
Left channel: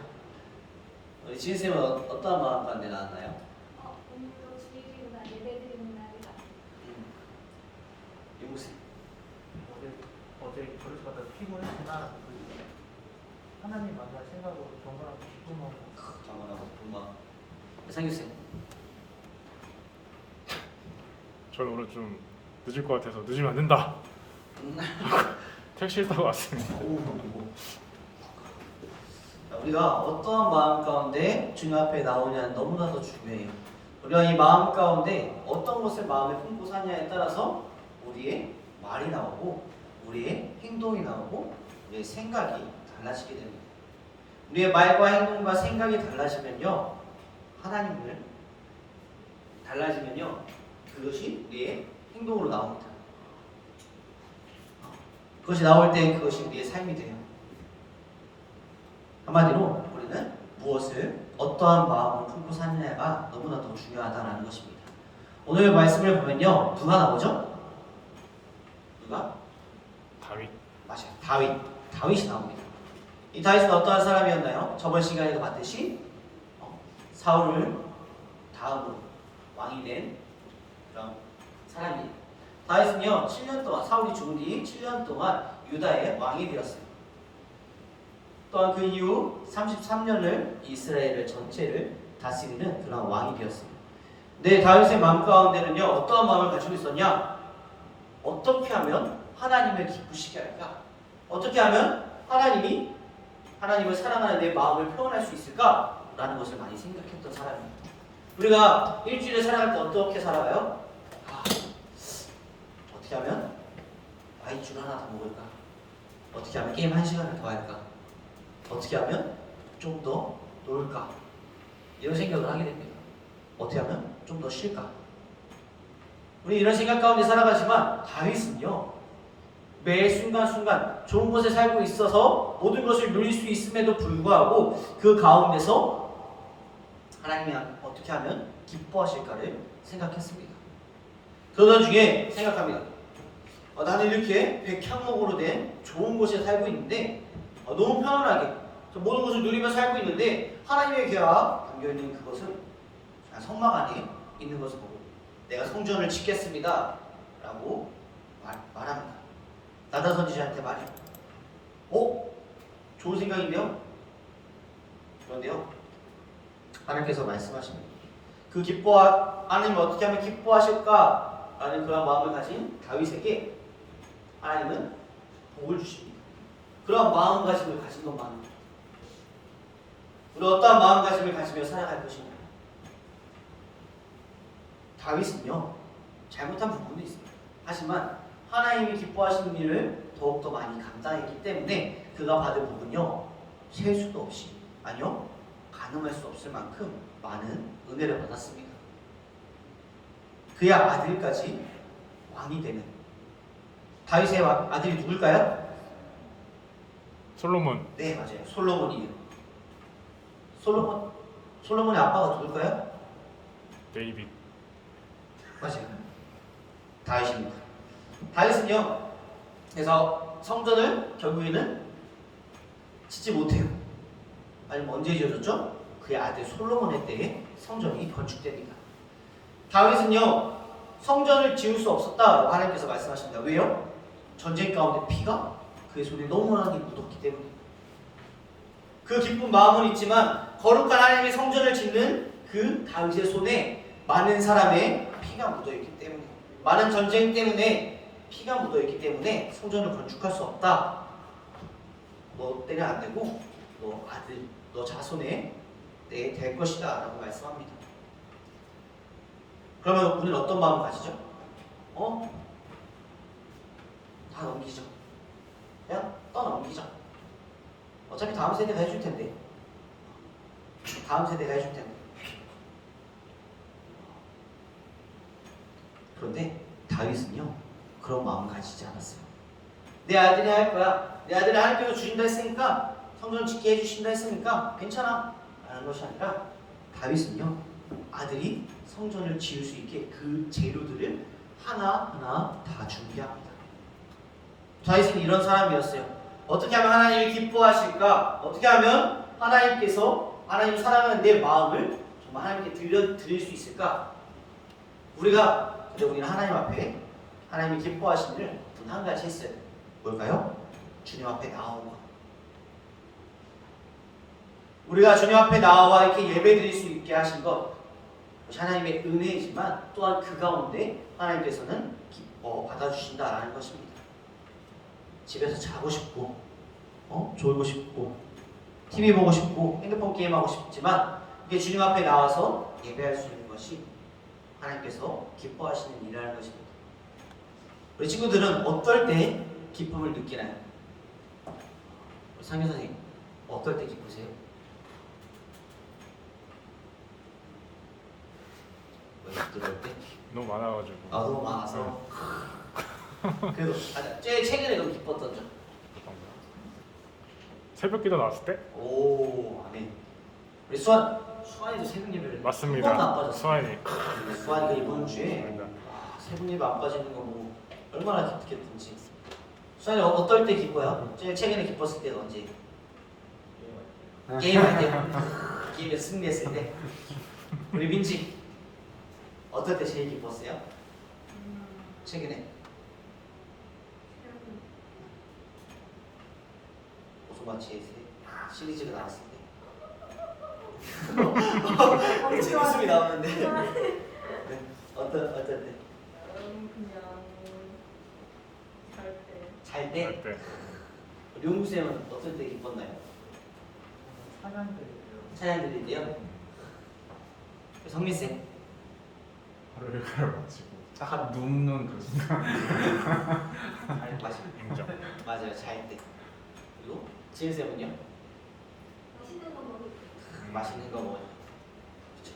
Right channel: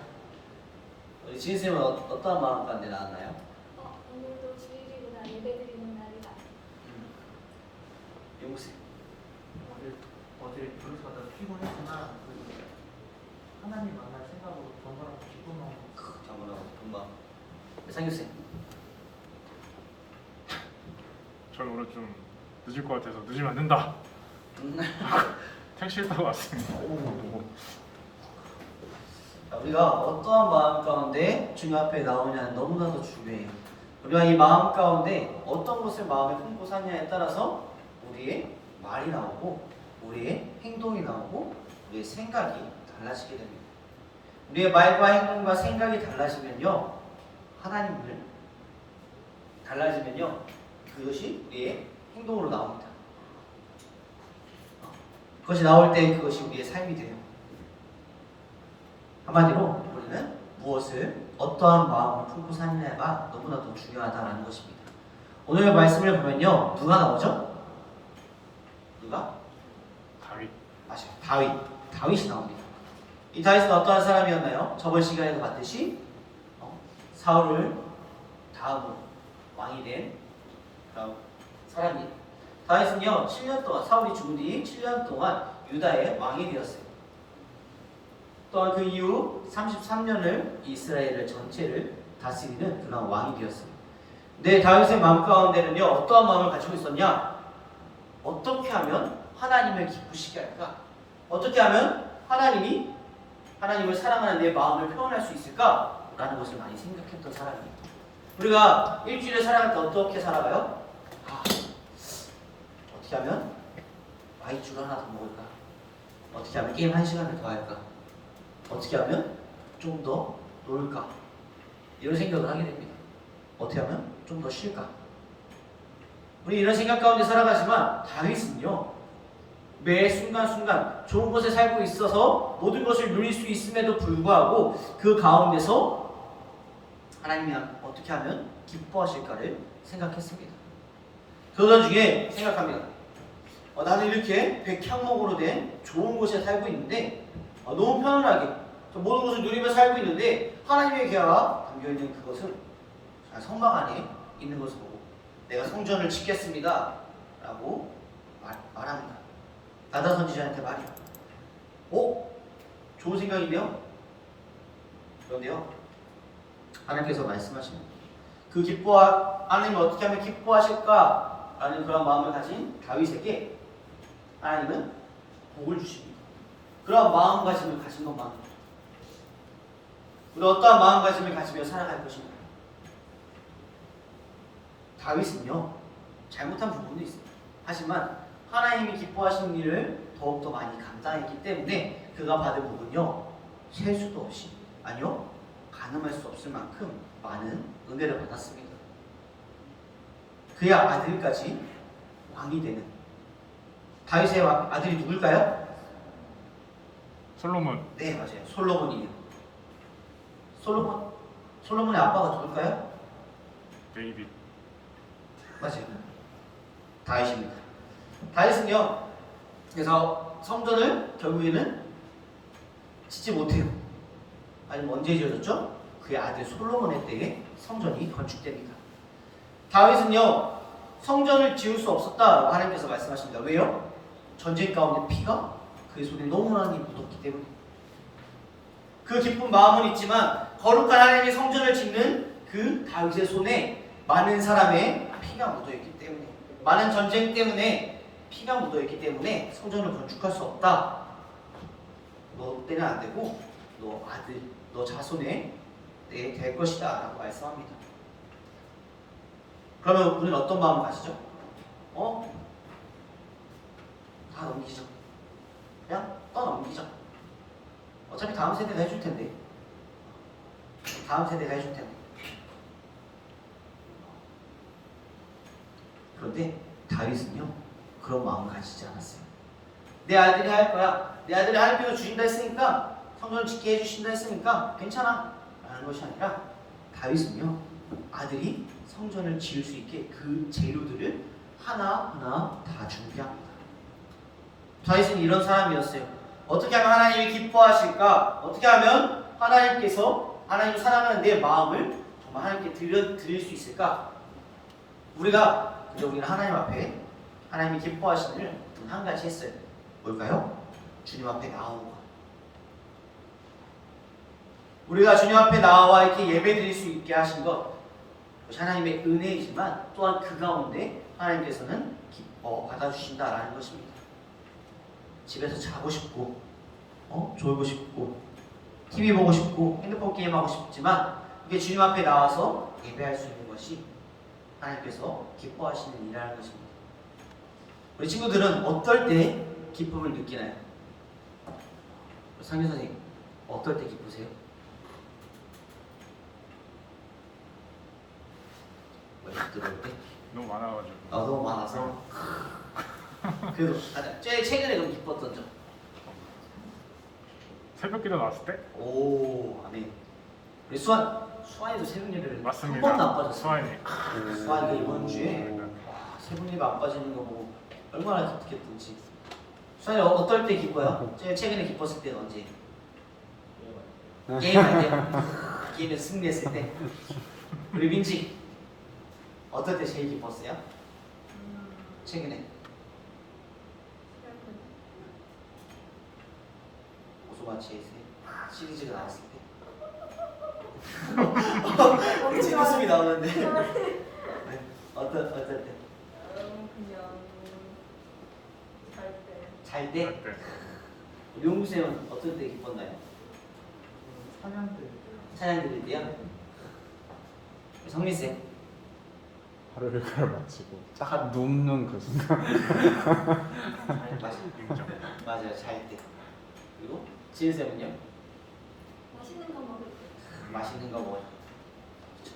우리 지은쌤은 어떠한 마음 가운데 나왔나요? 오늘도 주일이구나. 예배드리는 날이다. 용국쌤 어제 그릇 갖다 피곤했지만 하나님 만날 생각으로 정말하고 기쁜 마음. 정말 금방. 상규쌤 저는 오늘 좀 늦을 것 같아서 늦으면 안 된다. 택시를 타고 왔습니다. 우리가 어떠한 마음 가운데 주님 앞에 나오냐는 너무나도 중요해요. 우리가 이 마음 가운데 어떤 것을 마음에 품고 사냐에 따라서 우리의 말이 나오고 우리의 행동이 나오고 우리의 생각이 달라지게 됩니다. 우리의 말과 행동과 생각이 달라지면요, 하나님을 달라지면요, 그것이 우리의 행동으로 나옵니다. 그것이 나올 때 그것이 우리의 삶이 돼요. 한마디로 우리는 무엇을 어떠한 마음으로 품고 사느냐가 너무나도 중요하다는 것입니다. 오늘 말씀을 보면요, 누가 나오죠? 누가? 다윗. 맞아요. 다윗이 나옵니다. 이 다윗은 어떠한 사람이었나요? 저번 시간에도 봤듯이 사울을 다음으로 왕이 된 그런 사람이에요. 다윗은요, 7년 동안, 사울이 죽은 뒤 7년 동안 유다의 왕이 되었어요. 또한 그 이후 33년을 이스라엘을 전체를 다스리는 그런 왕이 되었어요. 근데 다윗의 마음 가운데는요, 어떠한 마음을 가지고 있었냐? 어떻게 하면 하나님을 기쁘시게 할까? 어떻게 하면 하나님을 사랑하는 내 마음을 표현할 수 있을까? 라는 것을 많이 생각했던 사람입니다. 우리가 일주일에 살아갈 때 어떻게 살아가요? 어떻게 하면 와이주를 하나 더 먹을까? 어떻게 하면 게임 1시간을 더 할까? 어떻게 하면 좀 더 놀까? 이런 생각을 하게 됩니다. 어떻게 하면 좀 더 쉴까? 우리 이런 생각 가운데 살아가지만 다윗은요, 매 순간순간 좋은 곳에 살고 있어서 모든 것을 누릴 수 있음에도 불구하고 그 가운데서 하나님이 어떻게 하면 기뻐하실까를 생각했습니다. 그러던 중에 생각합니다. 나는 이렇게 백향목으로 된 좋은 곳에 살고 있는데 너무 편안하게 모든 것을 누리며 살고 있는데 하나님의 계약 담겨있는 그것은 성막 안에 있는 것을 보고 내가 성전을 짓겠습니다 라고 말합니다. 나단 선지자한테 말해요. 좋은 생각이네요. 그런데요, 하나님께서 말씀하십니다. 하나님 어떻게 하면 기뻐하실까 라는 그런 마음을 가진 다윗에게 하나님은 복을 주십니다. 그런 마음가짐을 가진 것만으로 우리 어떠한 마음가짐을 가지며 살아갈 것인가? 다윗은요 잘못한 부분도 있습니다. 하지만 하나님이 기뻐하시는 일을 더욱더 많이 감당했기 때문에 그가 받은 복은요 셀 수도 없이, 아니요 가늠할 수 없을 만큼 많은 은혜를 받았습니다. 그의 아들까지 왕이 되는, 다윗의 아들이 누굴까요? 솔로몬. 네 맞아요, 솔로몬이에요. 솔로몬의 아빠가 누굴까요? 데이빗. 맞아요, 다윗입니다. 다윗은요 그래서 성전을 결국에는 짓지 못해요. 아니 언제 지어졌죠? 그의 아들 솔로몬의 때에 성전이 건축됩니다. 다윗은요 성전을 지을 수 없었다라고 하나님께서 말씀하십니다. 왜요? 전쟁 가운데 피가 그의 손에 너무 많이 묻었기 때문에. 그 기쁜 마음은 있지만 거룩한 하나님의 성전을 짓는 그 다윗의 손에 많은 사람의 피가 묻어있기 때문에, 많은 전쟁 때문에 피가 묻어있기 때문에 성전을 건축할 수 없다. 너 때는 안 되고 너 아들, 너 자손에 내게 될 것이다 라고 말씀합니다. 그러면 우리는 어떤 마음을 가지죠? 다 넘기죠. 그냥 떠넘기죠. 어차피 다음 세대가 해줄 텐데. 다음 세대가 해줄 텐데. 그런데 다윗은요 그런 마음을 가지지 않았어요. 내 아들이 할 거야. 내 아들이 하나님께서 주신다 했으니까, 성전 짓게 해주신다 했으니까 괜찮아 라는 것이 아니라, 다윗은요 아들이 성전을 지을 수 있게 그 재료들을 하나하나 다 준비합니다. 다윗은 이런 사람이었어요. 어떻게 하면 하나님이 기뻐하실까? 어떻게 하면 하나님께서, 하나님 사랑하는 내 마음을 정말 하나님께 드릴 수 있을까? 우리는 하나님 앞에 하나님이 기뻐하시는 일을 한 가지 했어요. 뭘까요? 주님 앞에 나온 거. 우리가 주님 앞에 나와 이렇게 예배 드릴 수 있게 하신 것, 하나님의 은혜이지만 또한 그 가운데 하나님께서는 기뻐 받아주신다라는 것입니다. 집에서 자고 싶고, 졸고 싶고, TV 보고 싶고, 핸드폰 게임하고 싶지만 이게 주님 앞에 나와서 예배할 수 있는 것이 하나님께서 기뻐하시는 일이라는 것입니다. 우리 친구들은 어떨 때 기쁨을 느끼나요? 우리 상규 선생님, 어떨 때 기쁘세요? 들어올 때? 너무 많아가지고. 너무 많아서. 그래도 최근에 너무 기뻤던 점. 새벽기도 나왔을 때? 오, 아멘. 우리 수환이도 새벽 예배를 맞습니다. 한 번도 안 빠졌어요. 수환이가 이번 주에 새벽 예배 안 빠지는 거 보고 얼마나 기특했던지. 수환이 어떨 때 기뻐요? 최근에 기뻤을 때가 언제? 게임할 때. 게임에 승리했을 때. 우리 민지 어떨 때 제일 기뻤어요? 최근에? 오소마치의 시리즈가 나왔을 때. 우리 친구 웃음이 나오는데. 네. 어떨 때? 그냥 잘 때? 우리 용수쌤은 어떨 때 기뻤나요? 찬양 들을 때요? 성민쌤? 하루를 걸어마치고 딱 눕는 그 순간. 맞아요, 잘 때. 그리고 지은쌤은요? 맛있는 거 먹을 맛있는 거 먹어요. 그렇죠.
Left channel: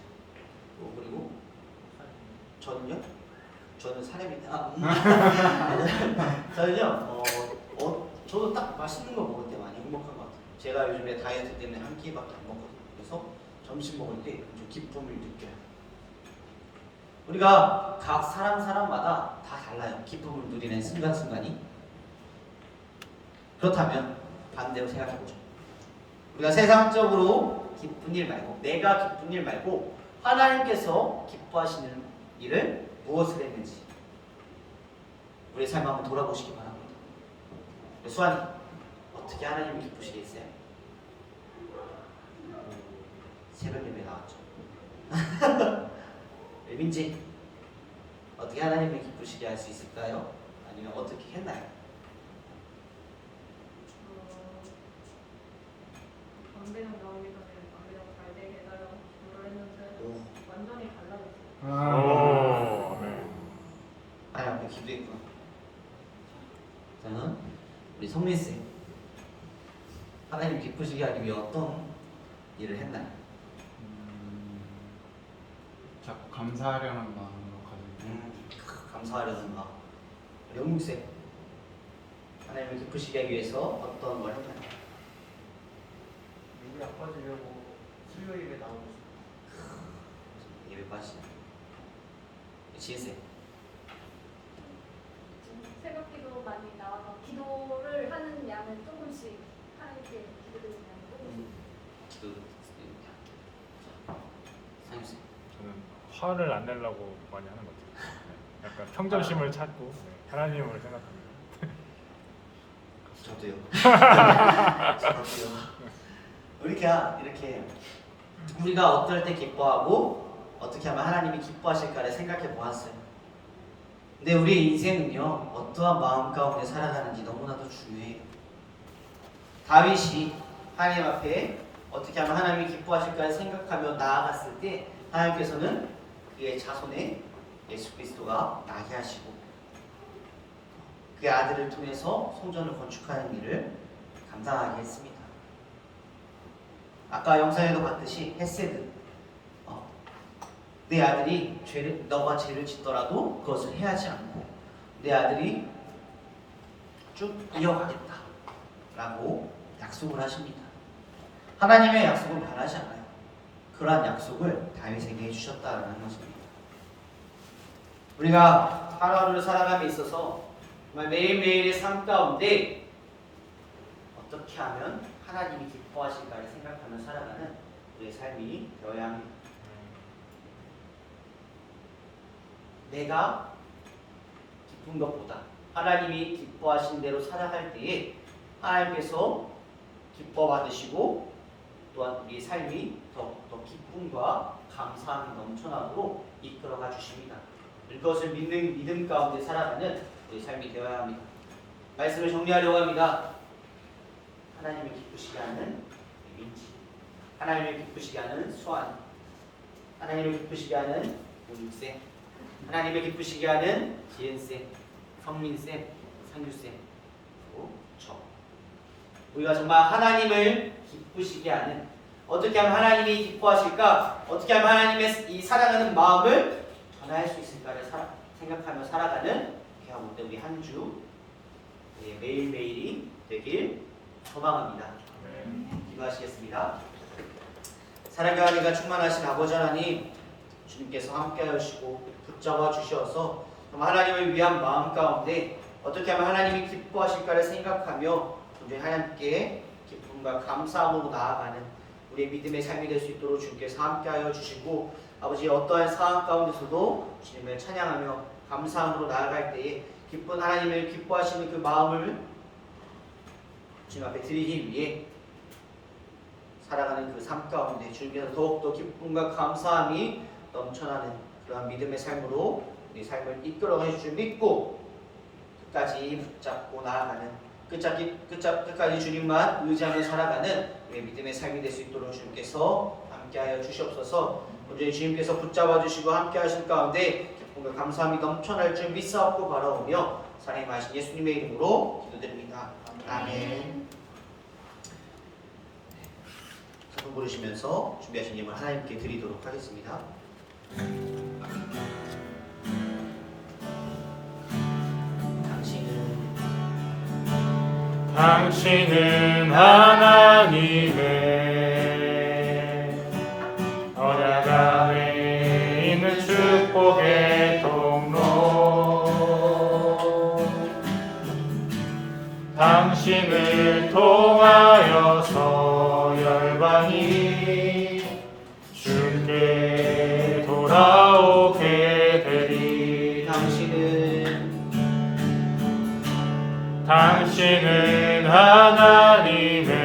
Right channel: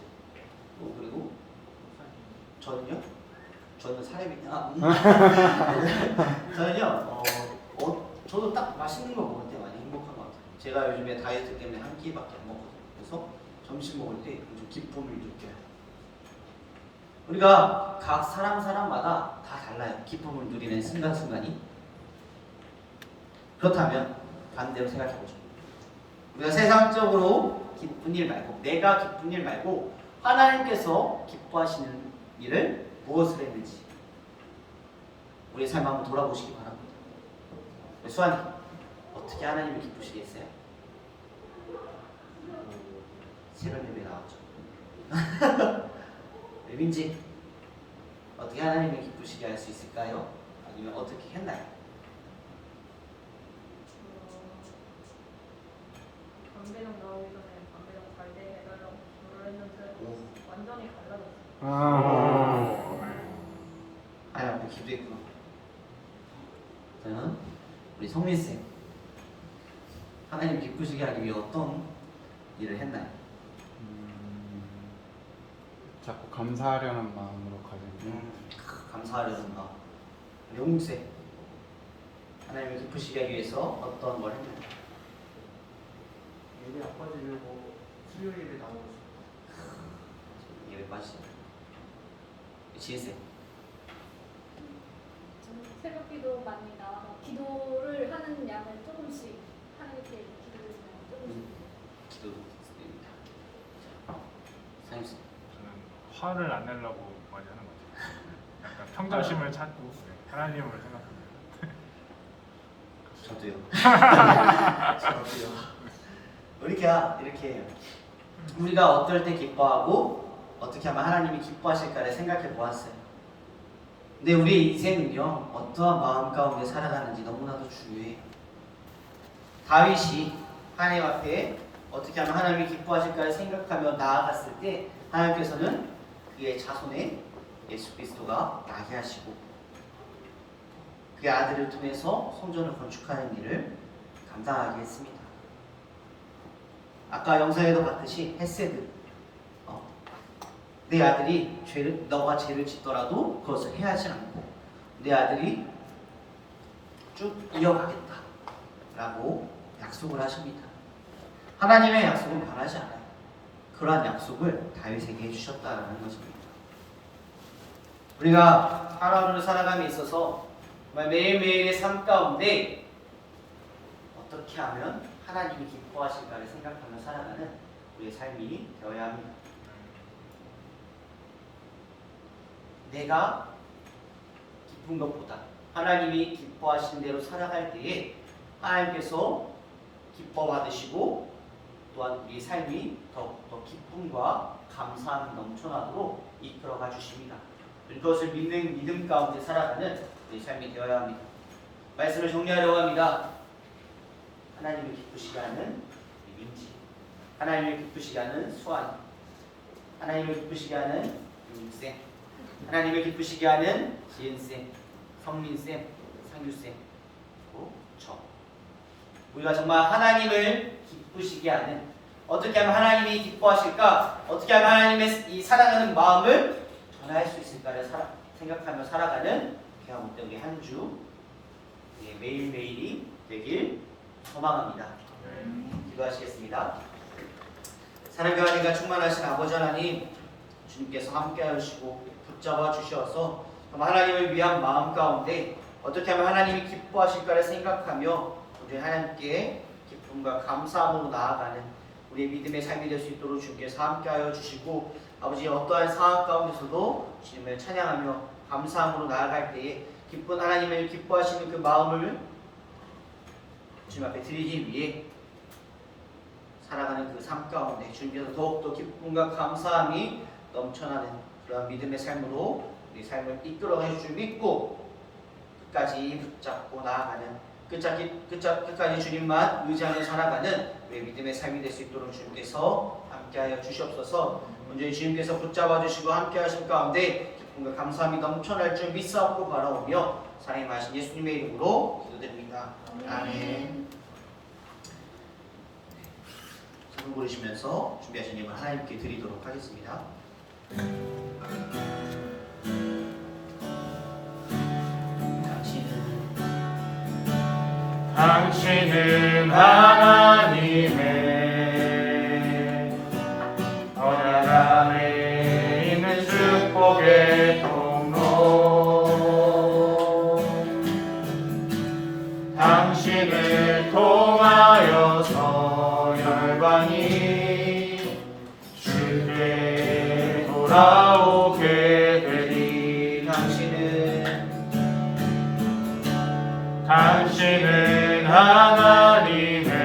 그리고 저는요? 저는 사람이 저는요. 저도 딱 맛있는 거 먹을 때 많이 행복한 것 같아요. 제가 요즘에 다이어트 때문에 한 끼밖에 안 먹거든요. 그래서 점심 먹을 때 좀 기쁨을 느껴요. 우리가 각 사람마다 다 달라요. 기쁨을 누리는 순간순간이. 그렇다면 반대로 생각해보죠. 우리가 세상적으로 기쁜 일 말고, 내가 기쁜 일 말고 하나님께서 기뻐하시는 일을 무엇을 했는지 우리의 삶 한번 돌아보시기 바랍니다. 수환이, 어떻게 하나님을 기쁘시게 했어요? 새벽 예배 나왔죠. 민지, 어떻게 하나님을 기쁘시게 할 수 있을까요? 아니면 어떻게 했나요? 강대장 나오기 전에 강대장 잘 되게 해달라고 기도를 했는데 오. 완전히 달라졌어요. 아유, 기도했구나. 저는 우리 성민쌤 하나님 기쁘시게 하기 위해 어떤 일을 했나요? 자꾸 감사하려는 마음으로 가지고 감사하려는 마음. 우리 홍국쌤 하나님을 기쁘시게 하기 위해서 어떤 걸 했나요? 예배 안 빠지려고 수요 예배 나오고 예배 빠지시나요? 지혜쌤 새벽기도 많이 나와서 기도를 하는 양을 조금씩 하나님께 기도를 조금씩. 기도드립니다. 상유쌤 저는 화를 안 내려고 많이 하는 것 같아요. 약간 평정심을 찾고 하나님을 생각합니다. 저도요. 이렇게 우리가 어떨 때 기뻐하고 어떻게 하면 하나님이 기뻐하실까를 생각해 보았어요. 근데 우리의 인생은요, 어떠한 마음 가운데 살아가는지 너무나도 중요해요. 다윗이 하나님 앞에 어떻게 하면 하나님이 기뻐하실까를 생각하며 나아갔을 때 하나님께서는 그의 자손에 예수 그리스도가 나게 하시고 그의 아들을 통해서 성전을 건축하는 일을 감당하게 했습니다. 아까 영상에도 봤듯이 헤세드, 내 아들이 너가 죄를 짓더라도 그것을 해하지 않고 내 아들이 쭉 이어가겠다 라고 약속을 하십니다. 하나님의 약속은 변하지 않아요. 그러한 약속을 다윗에게 해주셨다는 것입니다. 우리가 하루하루를 살아감에 있어서 정말 매일매일의 삶 가운데 어떻게 하면 하나님이 기뻐하실까를 생각하며 살아가는 우리의 삶이 되어야 합니다. 내가 기쁜 것보다 하나님이 기뻐하신 대로 살아갈 때에 하나님께서 기뻐 받으시고 또한 우리의 삶이 더욱더 기쁨과 감사함이 넘쳐나도록 이끌어가 주십니다. 그것을 믿는 믿음 가운데 살아가는 우리의 삶이 되어야 합니다. 말씀을 정리하려고 합니다. 하나님을 기쁘시게 하는 민지, 하나님을 기쁘시게 하는 수환, 하나님을 기쁘시게 하는 용익쌤, 하나님을 기쁘시게 하는 지은쌤, 성민쌤, 상규쌤, 그리고 저. 우리가 정말 하나님을 기쁘시게 하는, 어떻게 하면 하나님이 기뻐하실까, 어떻게 하면 하나님의 이 사랑하는 마음을 전할 수 있을까를 생각하며 살아가는 귀한 우리 한 주 매일매일이 되길 소망합니다. 기도하시겠습니다. 사랑과 은혜가 충만하신 아버지 하나님, 주님께서 함께하여 주시고 붙잡아 주셔서 하나님을 위한 마음 가운데 어떻게 하면 하나님이 기뻐하실까를 생각하며 우리 하나님께 기쁨과 감사함으로 나아가는 우리의 믿음의 삶이 될 수 있도록 주님께서 함께하여 주시고, 아버지 어떠한 상황 가운데서도 주님을 찬양하며 감사함으로 나아갈 때에 기쁜 하나님을 기뻐하시는 그 마음을 주님 앞에 드리기 위해 살아가는 그 삶 가운데 주님께서 더욱더 기쁨과 감사함이 넘쳐나는 그런 믿음의 삶으로 우리 삶을 이끌어가 줄 믿고 끝까지 붙잡고 나아가는 끝까지 주님만 의지하며 살아가는 우리 믿음의 삶이 될 수 있도록 주님께서 함께하여 주시옵소서. 오늘 주님께서 붙잡아 주시고 함께하실 가운데 기쁨과 감사함이 넘쳐날 줄 믿사옵고 바라오며 사랑의 마신 예수님의 이름으로 기도드립니다. 아멘. 찬송 부르시면서 준비하신 예물 하나님께 드리도록 하겠습니다. 당신은 하나님의 언약 안에 있는 축복의 통로, 당신을 통하여서 열방이 주께 돌아오게 되리. 당신은 하나님의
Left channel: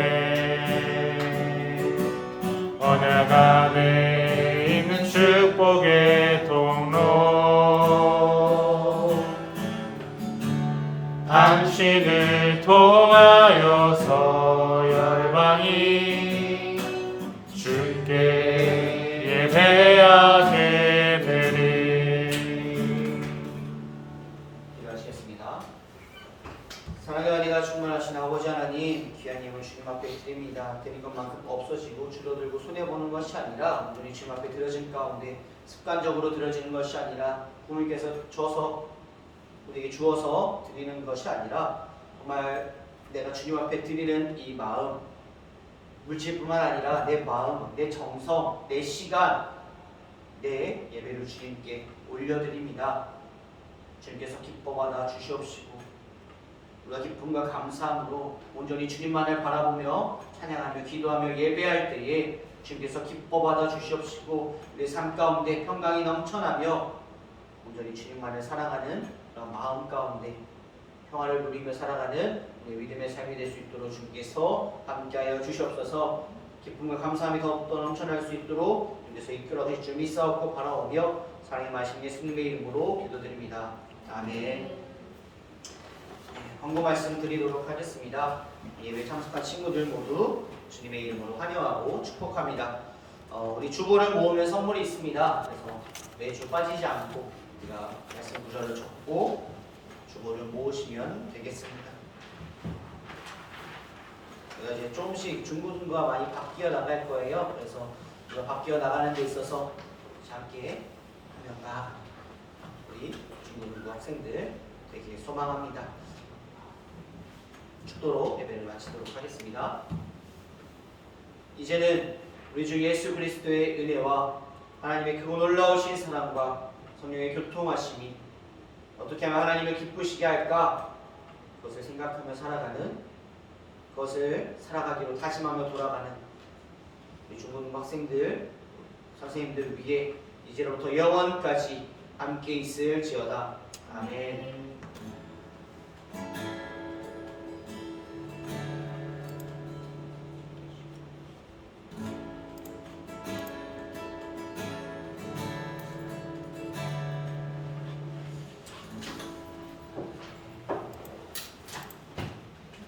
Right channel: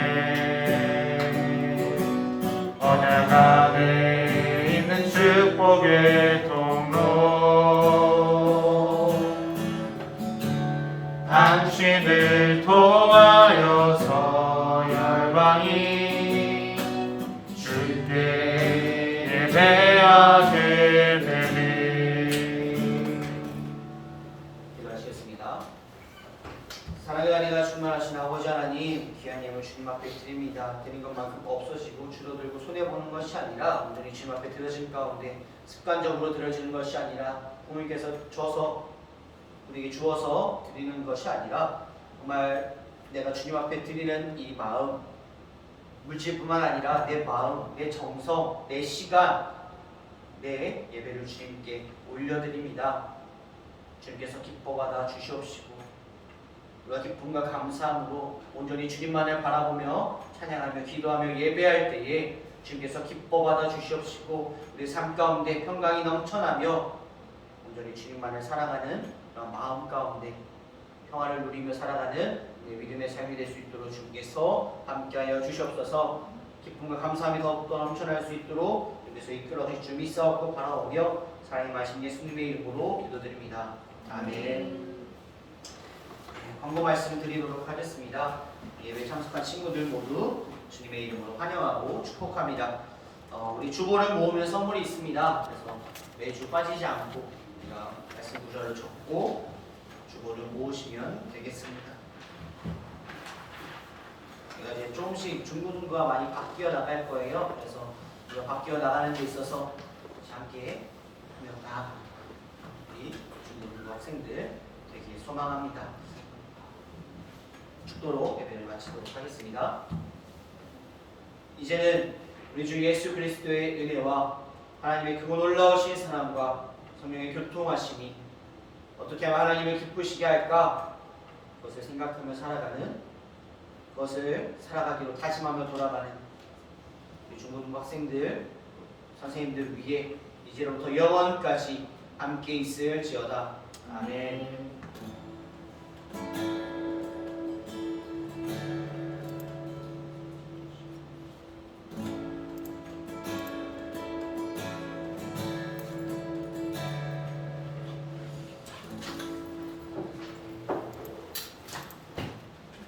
드립니다. 드린 것만큼 없어지고 줄어들고 손해보는 것이 아니라 온전히 주님 앞에 드려진 가운데 습관적으로 드려지는 것이 아니라 부모님께서 줘서 우리에게 주어서 드리는 것이 아니라 정말 내가 주님 앞에 드리는 이 마음, 물질뿐만 아니라 내 마음, 내 정성, 내 시간, 내 예배를 주님께 올려드립니다. 주님께서 기뻐받아 주시옵시고 우리가 기쁨과 감사함으로 온전히 주님만을 바라보며 찬양하며 기도하며 예배할 때에 주님께서 기뻐받아 주시옵시고 우리의 삶 가운데 평강이 넘쳐나며 온전히 주님만을 사랑하는 그런 마음 가운데 평화를 누리며 살아가는 우리의 믿음의 삶이 될 수 있도록 주님께서 함께하여 주시옵소서. 기쁨과 감사함이 더욱더 넘쳐날 수 있도록 주님께서 이끌어 주실 줄 믿사옵고 바라오며 사랑의 말씀 예수님의 이름으로 기도드립니다. 아멘. 광고 말씀 드리도록 하겠습니다. 예배 참석한 친구들 모두 주님의 이름으로 환영하고 축복합니다. 우리 주보를 모으면 선물이 있습니다. 그래서 매주 빠지지 않고 우리가 말씀 구절을 적고 주보를 모으시면 되겠습니다. 우리가 이제 조금씩 중고등부가 많이 바뀌어 나갈 거예요. 그래서 우리가 바뀌어 나가는 데 있어서 함께 나아갑니다. 우리 중고등부 학생들 되길 소망합니다. 축도로 예배를 마치도록 하겠습니다. 이제는 우리 주 예수 그리스도의 은혜와 하나님의 그 놀라우신 사랑과 성령의 교통하심이 어떻게 하면 하나님을 기쁘시게 할까 그것을 생각하며 살아가는 그것을 살아가기로 다짐하며 돌아가는 우리 중고등부 학생들 선생님들 위해 이제로부터 영원까지 함께 있을지어다. 아멘.